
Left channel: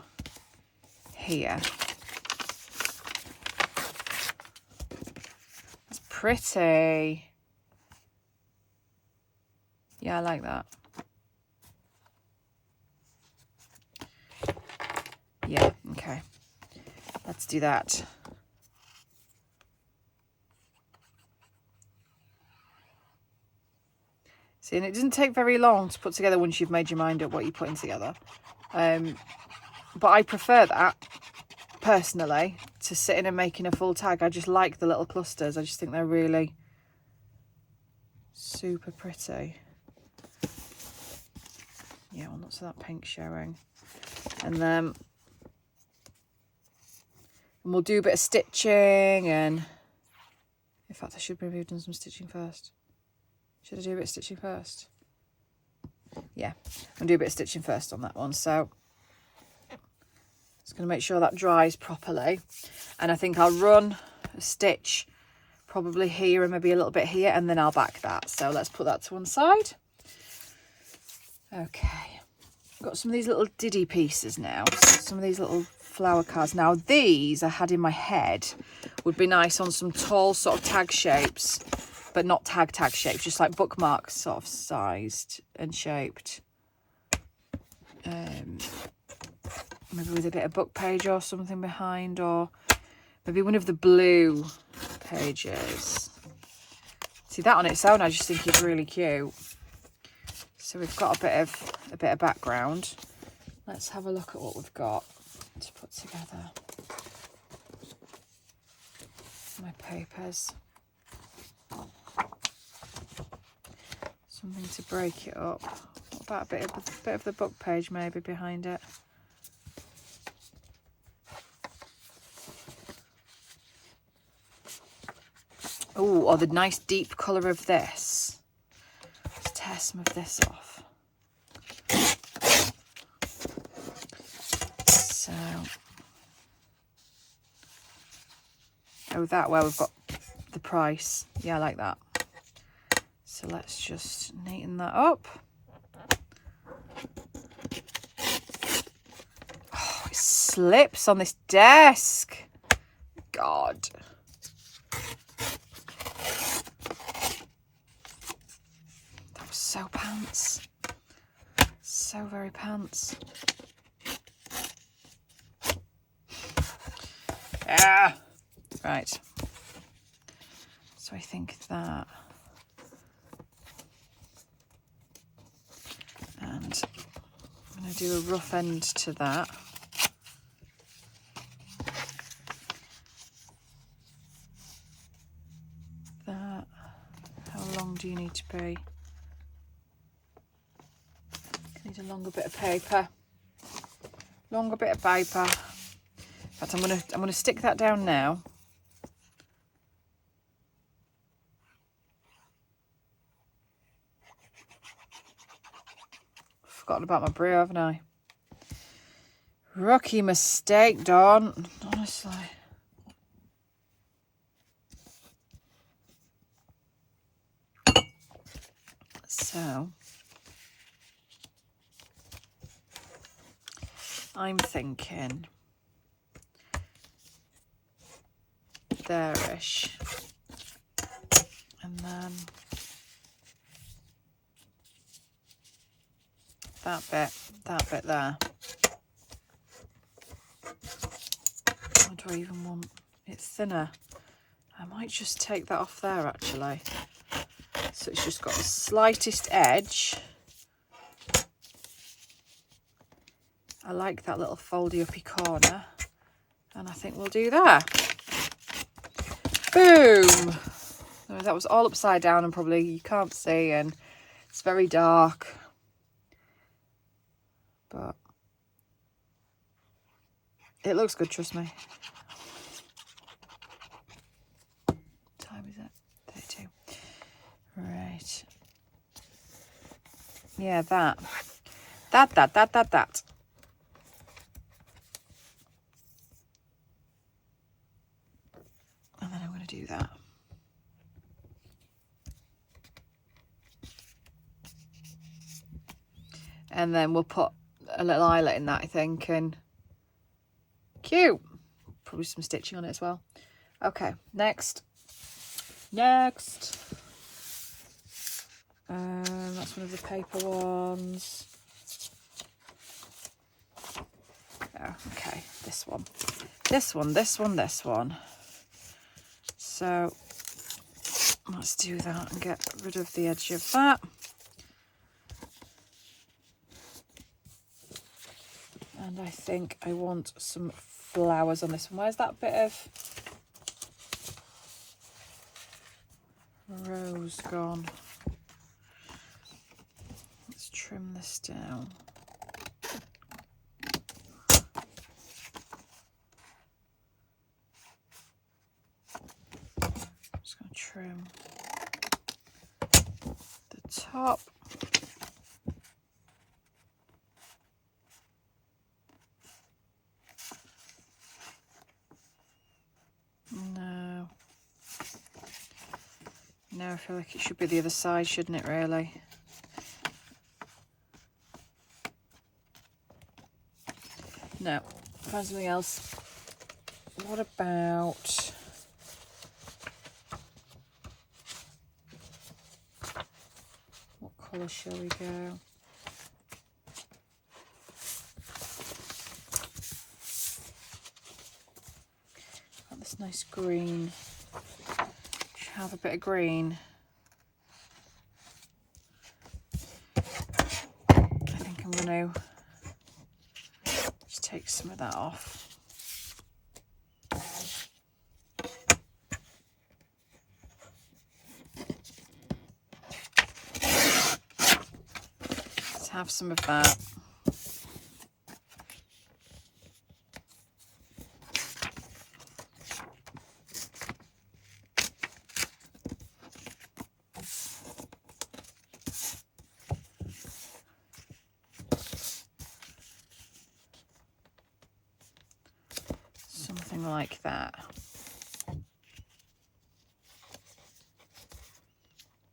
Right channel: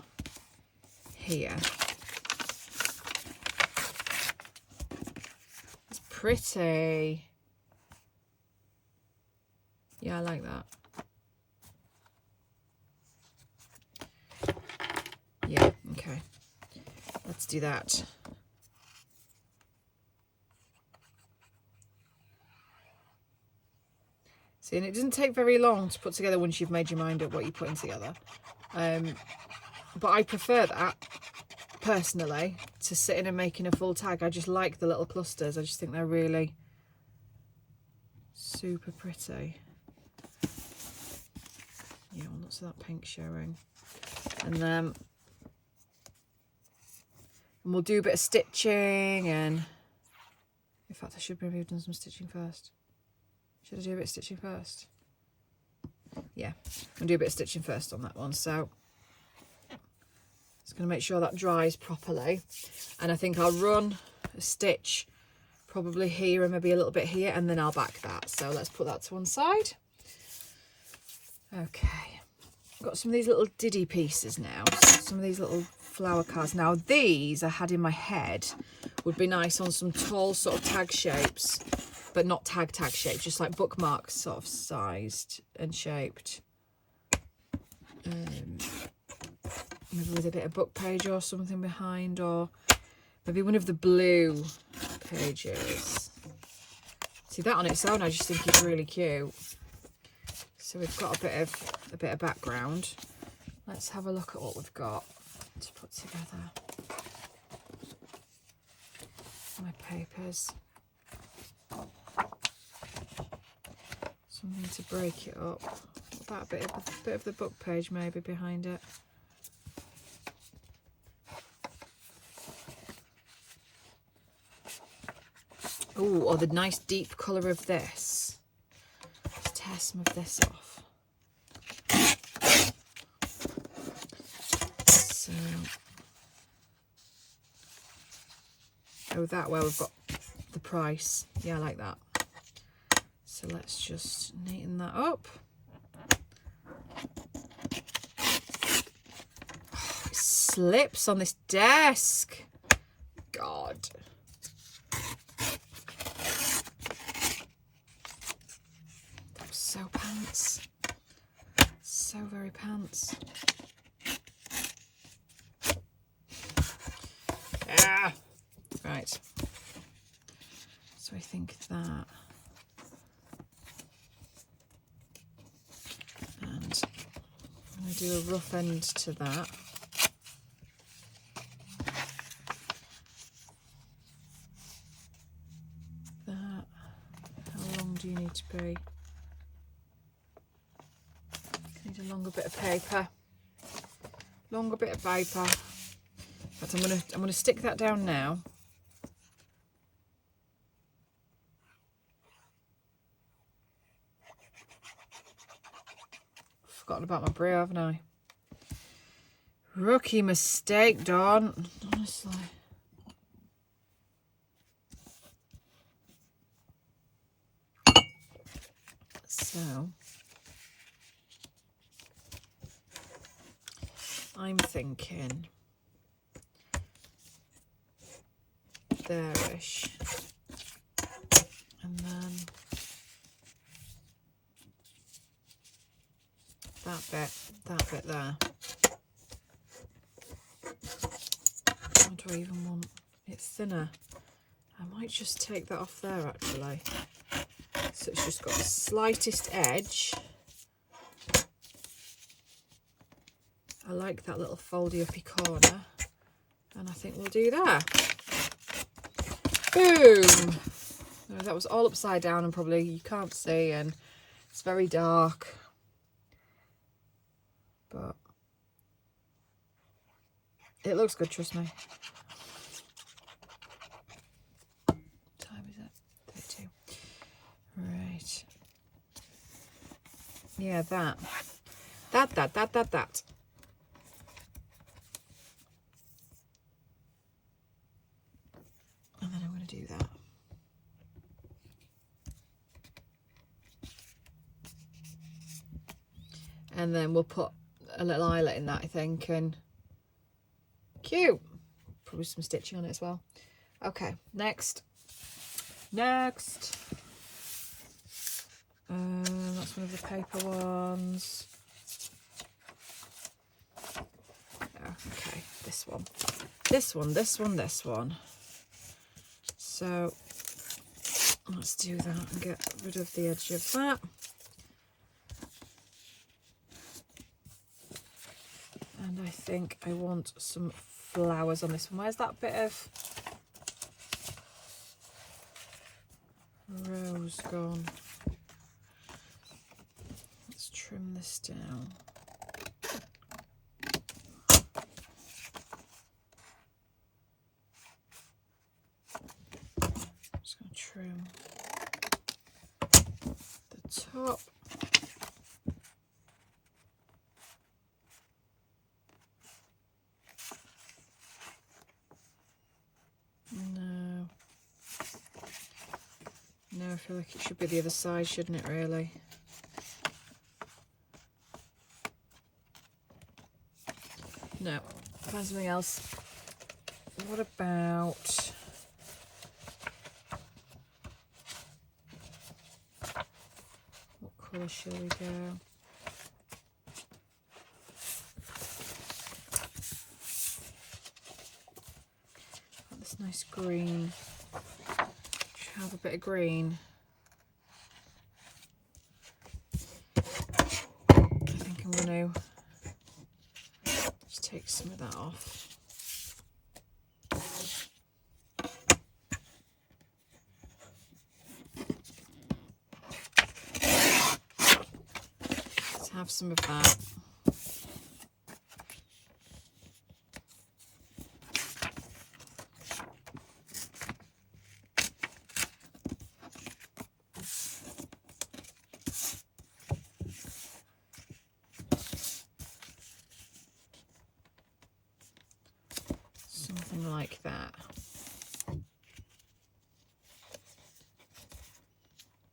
here. It's pretty. Yeah, I like that. Yeah, okay. Let's do that. See, and it doesn't take very long to put together once you've made your mind up what you're putting together. But I prefer that, personally, to sitting and making a full tag. I just like the little clusters. I just think they're really super pretty. Yeah, well, lots of that pink showing. And then we'll do a bit of stitching, and in fact I should maybe have done some stitching first. Should I do a bit of stitching first? Yeah, I'll do a bit of stitching first on that one. So just going to make sure that dries properly, and I think I'll run a stitch probably here and maybe a little bit here, and then I'll back that. So let's put that to one side. Okay, I've got some of these little diddy pieces now, some of these little flower cards. Now these I had in my head would be nice on some tall sort of tag shapes, but not tag shapes, just like bookmarks sort of sized and shaped. Maybe with a bit of book page or something behind, or maybe one of the blue pages. See, that on its own I just think is really cute. So we've got a bit of background. Let's have a look at what we've got to put together. My papers. Something to break it up. What about a bit of the book page maybe behind it? Oh, or the nice deep colour of this. Let's tear some of this off. So, oh, that where we've got the price. Yeah, I like that. So let's just neaten that up. Oh, it slips on this desk. God. That was so pants. So very pants. Ah. Right. So I think that. And I'm going to do a rough end to that. That. How long do you need to be? Need a longer bit of paper. Longer bit of paper. In fact, I'm gonna stick that down now. Forgotten about my brew, haven't I? Rookie mistake, Dawn. Honestly. So I'm thinking there-ish. And then that bit there. Or do I even want it thinner? I might just take that off there actually. So it's just got the slightest edge. I like that little foldy uppy corner. And I think we'll do that. Boom! No, that was all upside down and probably you can't see and it's very dark. But it looks good, trust me. What time is it? 32. Right. Yeah, that. And then I'm going to do that. And then we'll put a little eyelet in that, I think, and cute. Probably some stitching on it as well. Okay, next. That's one of the paper ones. Oh, okay, this one. So let's do that and get rid of the edge of that. And I think I want some flowers on this one. Where's that bit of rose gone? Let's trim this down. Just going to trim the top. No, I feel like it should be the other side, shouldn't it, really? No, find something else. What about... what colour shall we go? Got this nice green. Should have a bit of green. I think I'm going to just take some of that off. Let's have some of that. Something like that.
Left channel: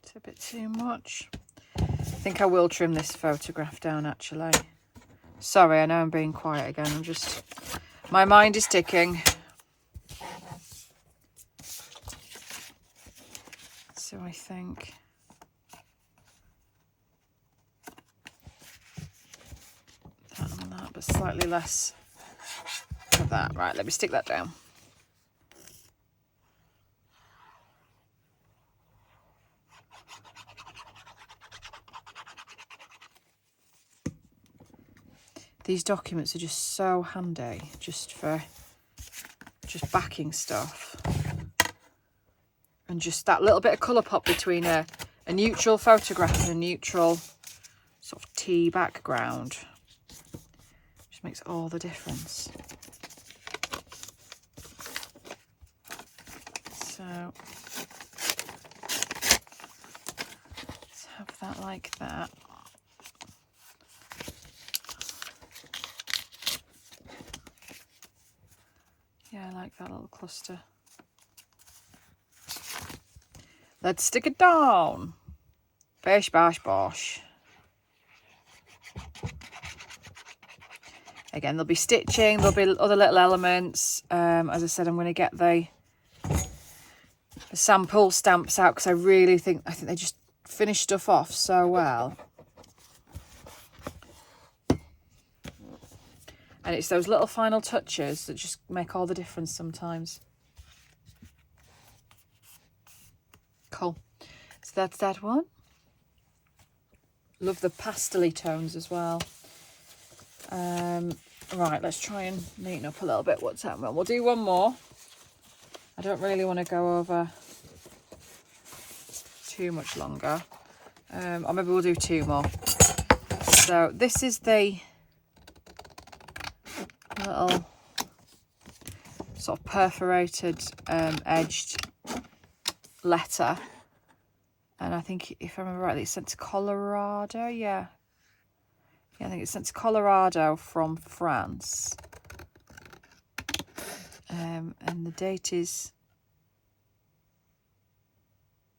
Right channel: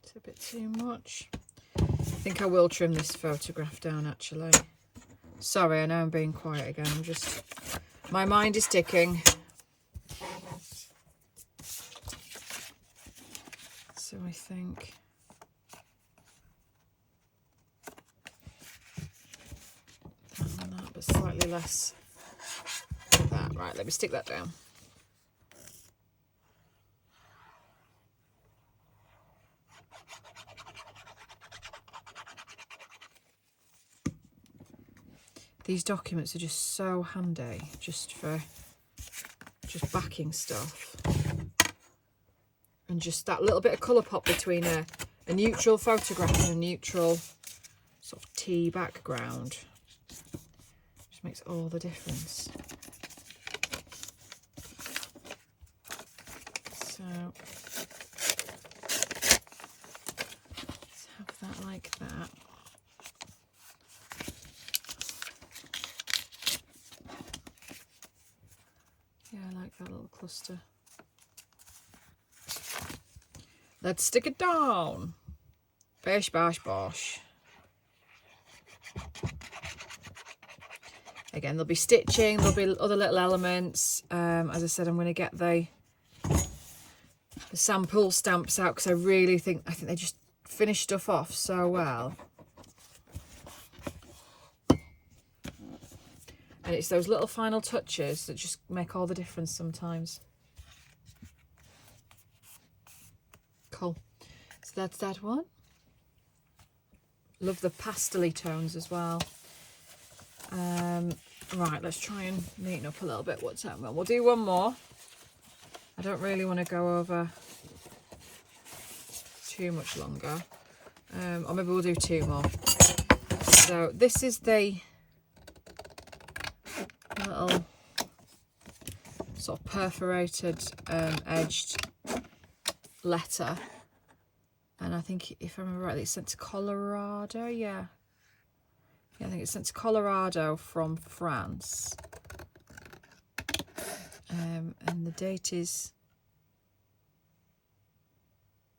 It's a bit too much. I think I will trim this photograph down actually. Sorry, I know I'm being quiet again. I'm just, my mind is ticking. So I think that and that, but slightly less of that. Right, let me stick that down. These documents are just so handy, just for backing stuff. And just that little bit of colour pop between a neutral photograph and a neutral sort of tea background. Just makes all the difference. So let's have that like that. Yeah, I like that little cluster. Let's stick it down. Bish, bash, bosh. Again, there'll be stitching, there'll be other little elements. As I said, I'm going to get the sample stamps out because I think they just finish stuff off so well. And it's those little final touches that just make all the difference sometimes. Cool. So that's that one. Love the pastel-y tones as well. Right, let's try and neaten up a little bit what's happening. We'll do one more. I don't really want to go over too much longer. Or maybe we'll do two more. So this is the little sort of perforated edged letter, and I think if I remember rightly it's sent to Colorado. Yeah, I think it's sent to Colorado from France, and the date is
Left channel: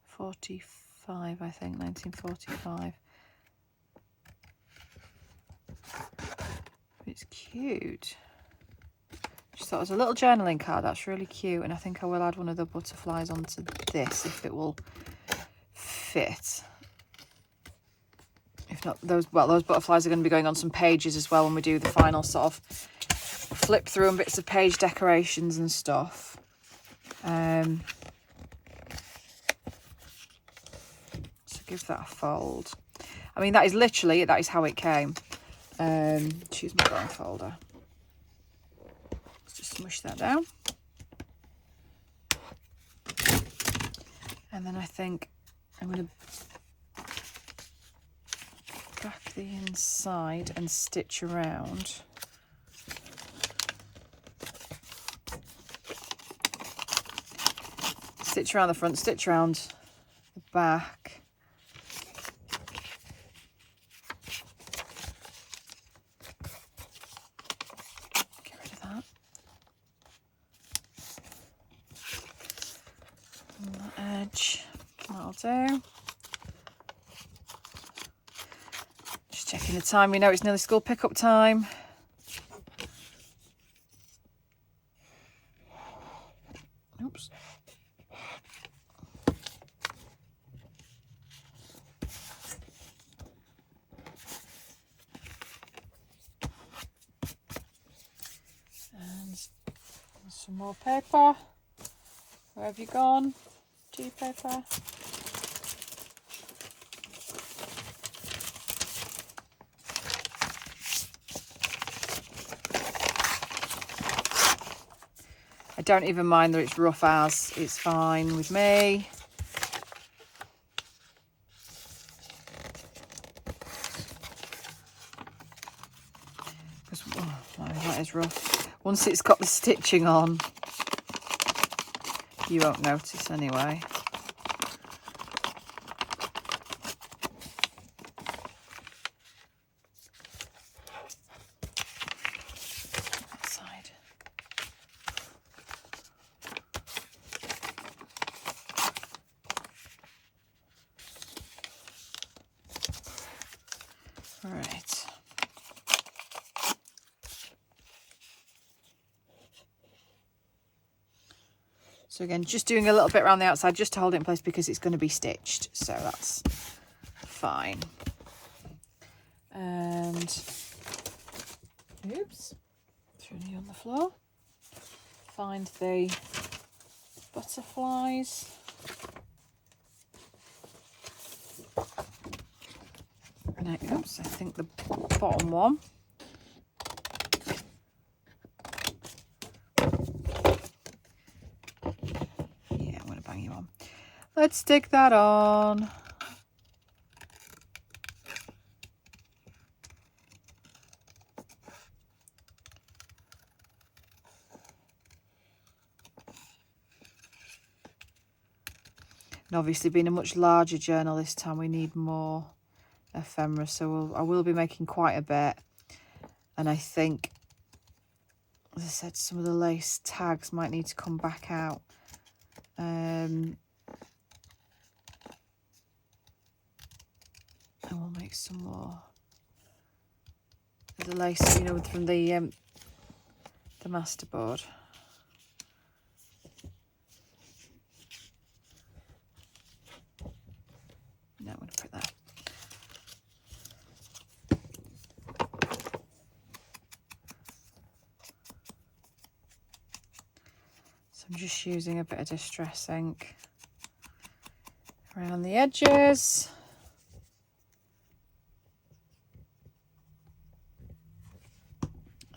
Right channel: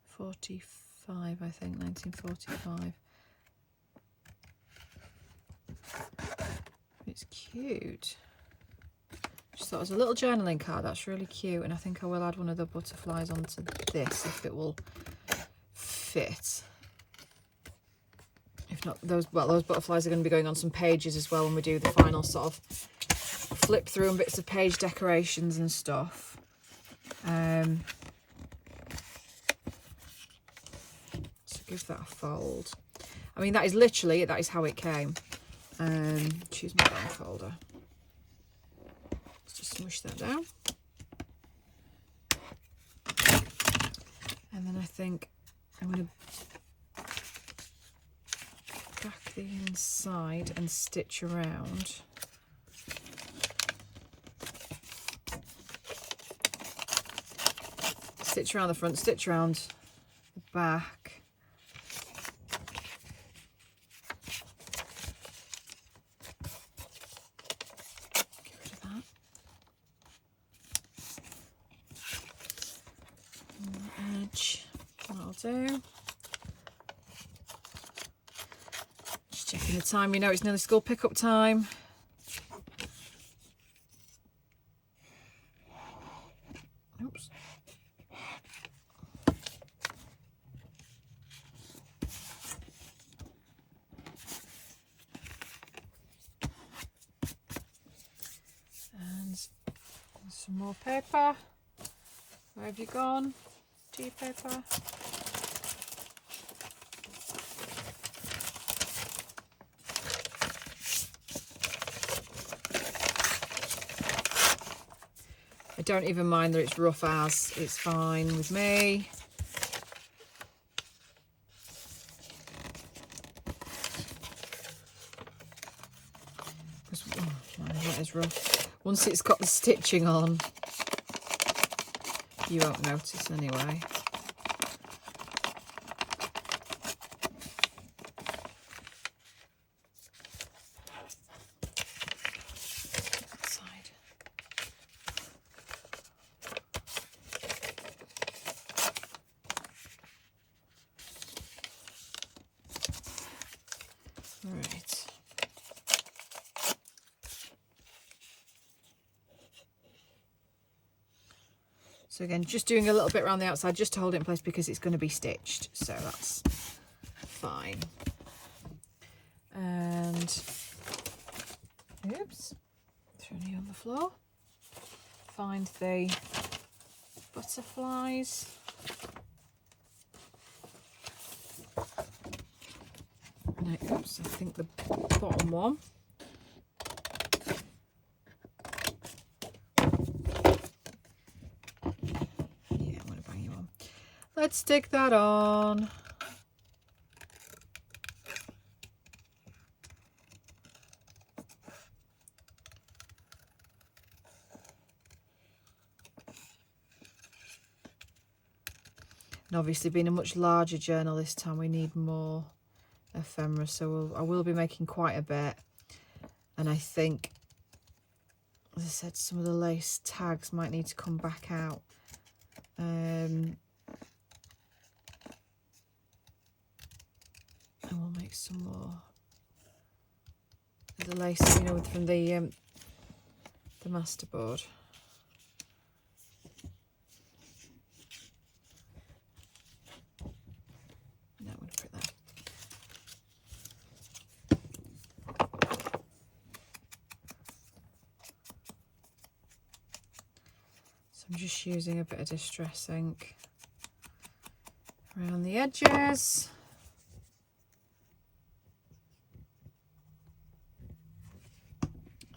45, I think 1945. It's cute. Just thought it was a little journaling card. That's really cute, and I think I will add one of the butterflies onto this if it will fit. If not, those butterflies are going to be going on some pages as well when we do the final sort of flip through and bits of page decorations and stuff. So give that a fold. I mean, that is how it came. Choose my drawing folder. Let's just smush that down. And then I think I'm going to back the inside and stitch around. Stitch around the front, stitch around the back. Get rid of that. And the edge, that'll do. Just checking the time, you know it's nearly school pickup time. Oops. And some more paper. Where have you gone? Tea paper. I don't even mind that it's rough as, it's fine with me. That is rough. Once it's got the stitching on, you won't notice anyway. That side. Right. So again, just doing a little bit around the outside just to hold it in place because it's going to be stitched. So that's fine. And, oops, threw me on the floor. Find the butterflies. No, oops, I think the bottom one. Let's stick that on. And obviously being a much larger journal this time, we need more ephemera, so I will be making quite a bit. And I think, as I said, some of the lace tags might need to come back out. And we'll make some more of the lace, you know, from the masterboard. So I'm just using a bit of Distress ink around the edges.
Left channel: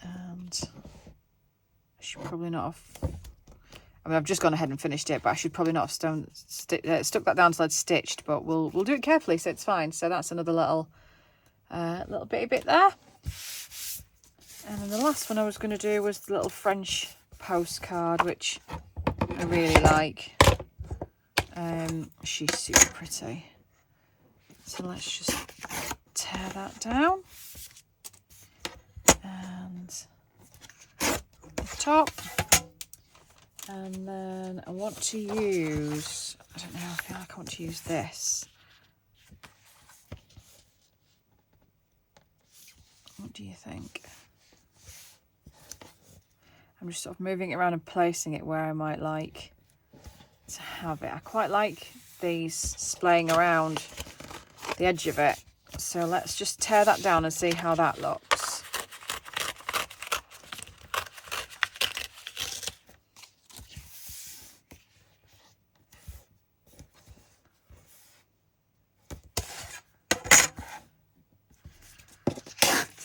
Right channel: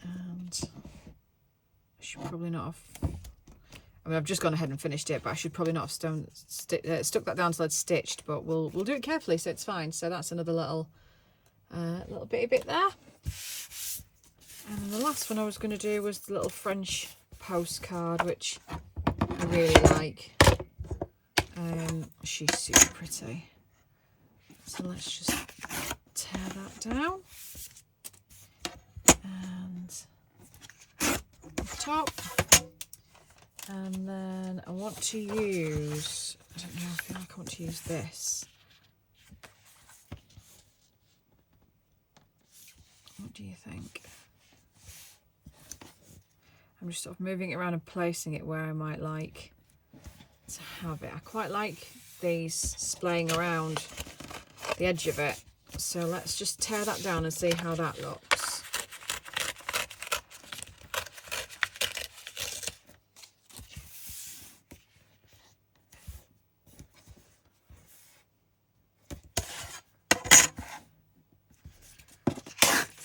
And I should probably not have, I mean, I've just gone ahead and finished it, but I should probably not have stuck that down till I'd stitched, but we'll do it carefully, so it's fine. So that's another little bitty bit there. And then the last one I was going to do was the little French postcard, which I really like. She's super pretty. So let's just tear that down. And top. And then I want to use, I don't know, I feel like I want to use this. What do you think? I'm just sort of moving it around and placing it where I might like to have it. I quite like these splaying around the edge of it. So let's just tear that down and see how that looks.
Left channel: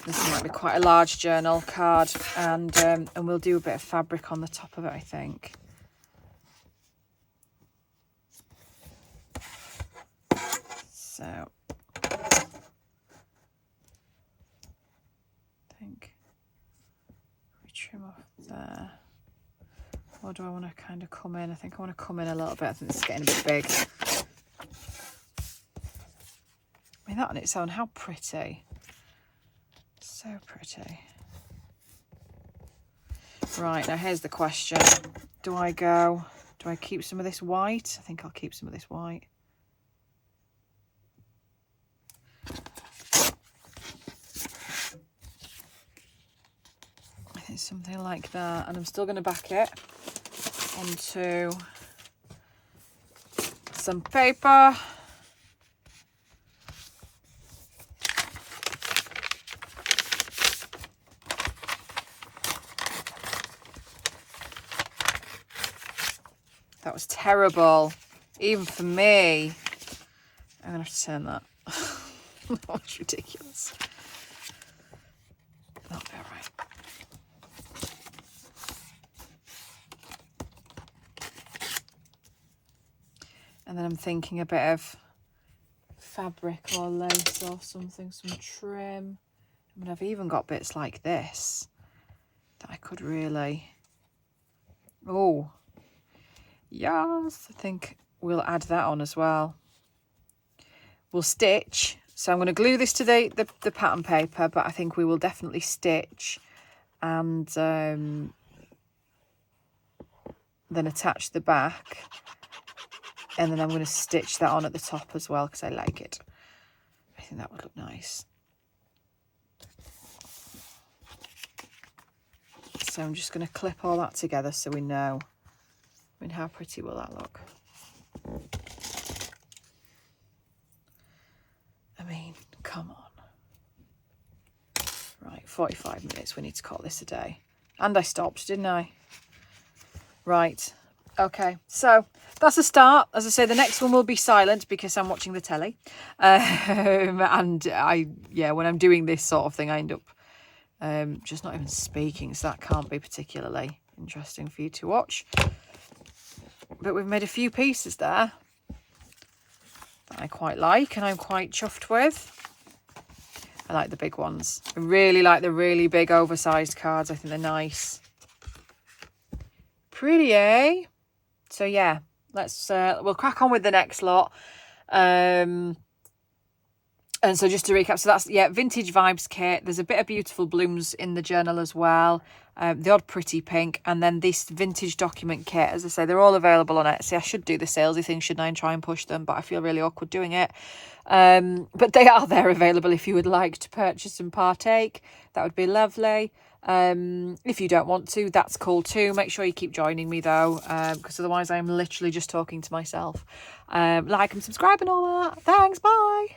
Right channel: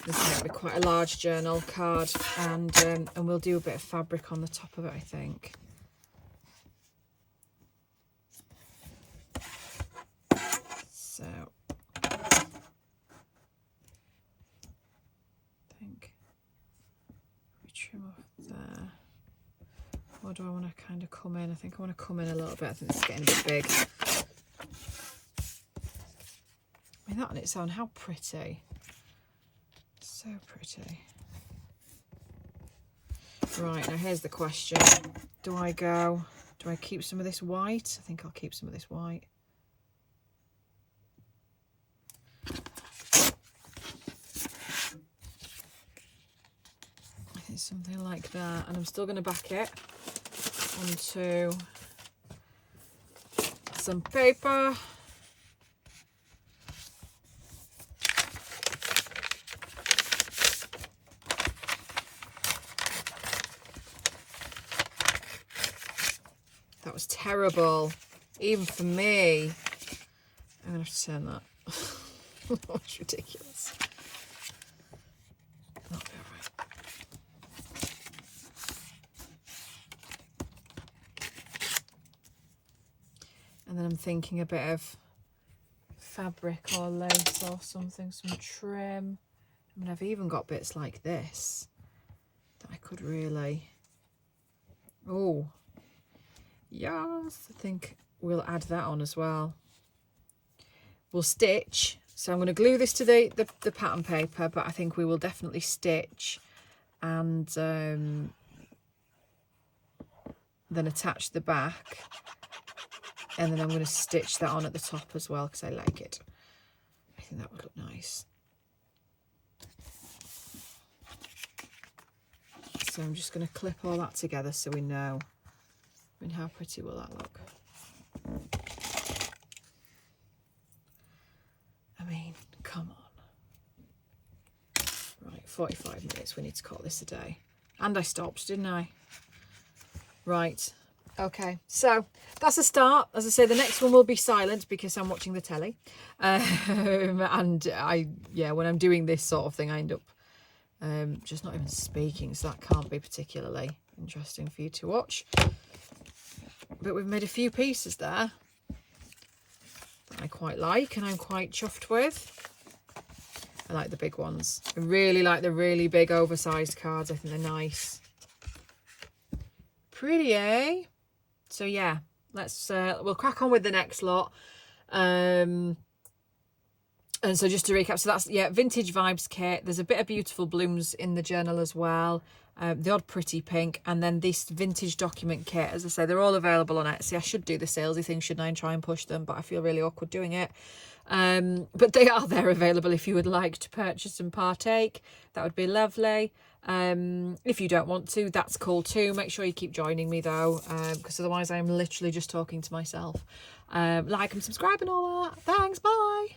This might be quite a large journal card, and we'll do a bit of fabric on the top of it, I think. So I think we trim off there. Or do I want to kind of come in? I think I want to come in a little bit. I think this is getting a bit big. I mean, that on its own, how pretty. So pretty. Right, now here's the question. Do I keep some of this white? I think I'll keep some of this white. I think something like that. And I'm still going to back it onto some paper. That was terrible, even for me. I'm gonna have to turn that. That was ridiculous. That'll be all right. And then I'm thinking a bit of fabric or lace or something, some trim. I mean, I've even got bits like this that I could really, oh, yes, I think we'll add that on as well. We'll stitch. So I'm going to glue this to the pattern paper, but I think we will definitely stitch and then attach the back. And then I'm going to stitch that on at the top as well because I like it. I think that would look nice. So I'm just going to clip all that together so we know. I mean, how pretty will that look? I mean, come on. Right, 45 minutes. We need to call this a day. And I stopped, didn't I? Right. Okay, so that's a start. As I say, the next one will be silent because I'm watching the telly. And when I'm doing this sort of thing, I end up just not even speaking. So that can't be particularly interesting for you to watch. But we've made a few pieces there that I quite like and I'm quite chuffed with. I like the big ones. I really like the really big oversized cards. I think they're nice. Pretty, eh? So yeah, we'll crack on with the next lot. And so just to recap, so that's, yeah, Vintage Vibes kit. There's a bit of beautiful blooms in the journal as well. The odd pretty pink, and then this vintage document kit. As I say, they're all available on Etsy. I should do the salesy thing, shouldn't I, and try and push them, but I feel really awkward doing it. But they are there available if you would like to purchase and partake. That would be lovely. If you don't want to, that's cool too. Make sure you keep joining me though, because otherwise I'm literally just talking to myself. Like and subscribe and all that. Thanks, bye.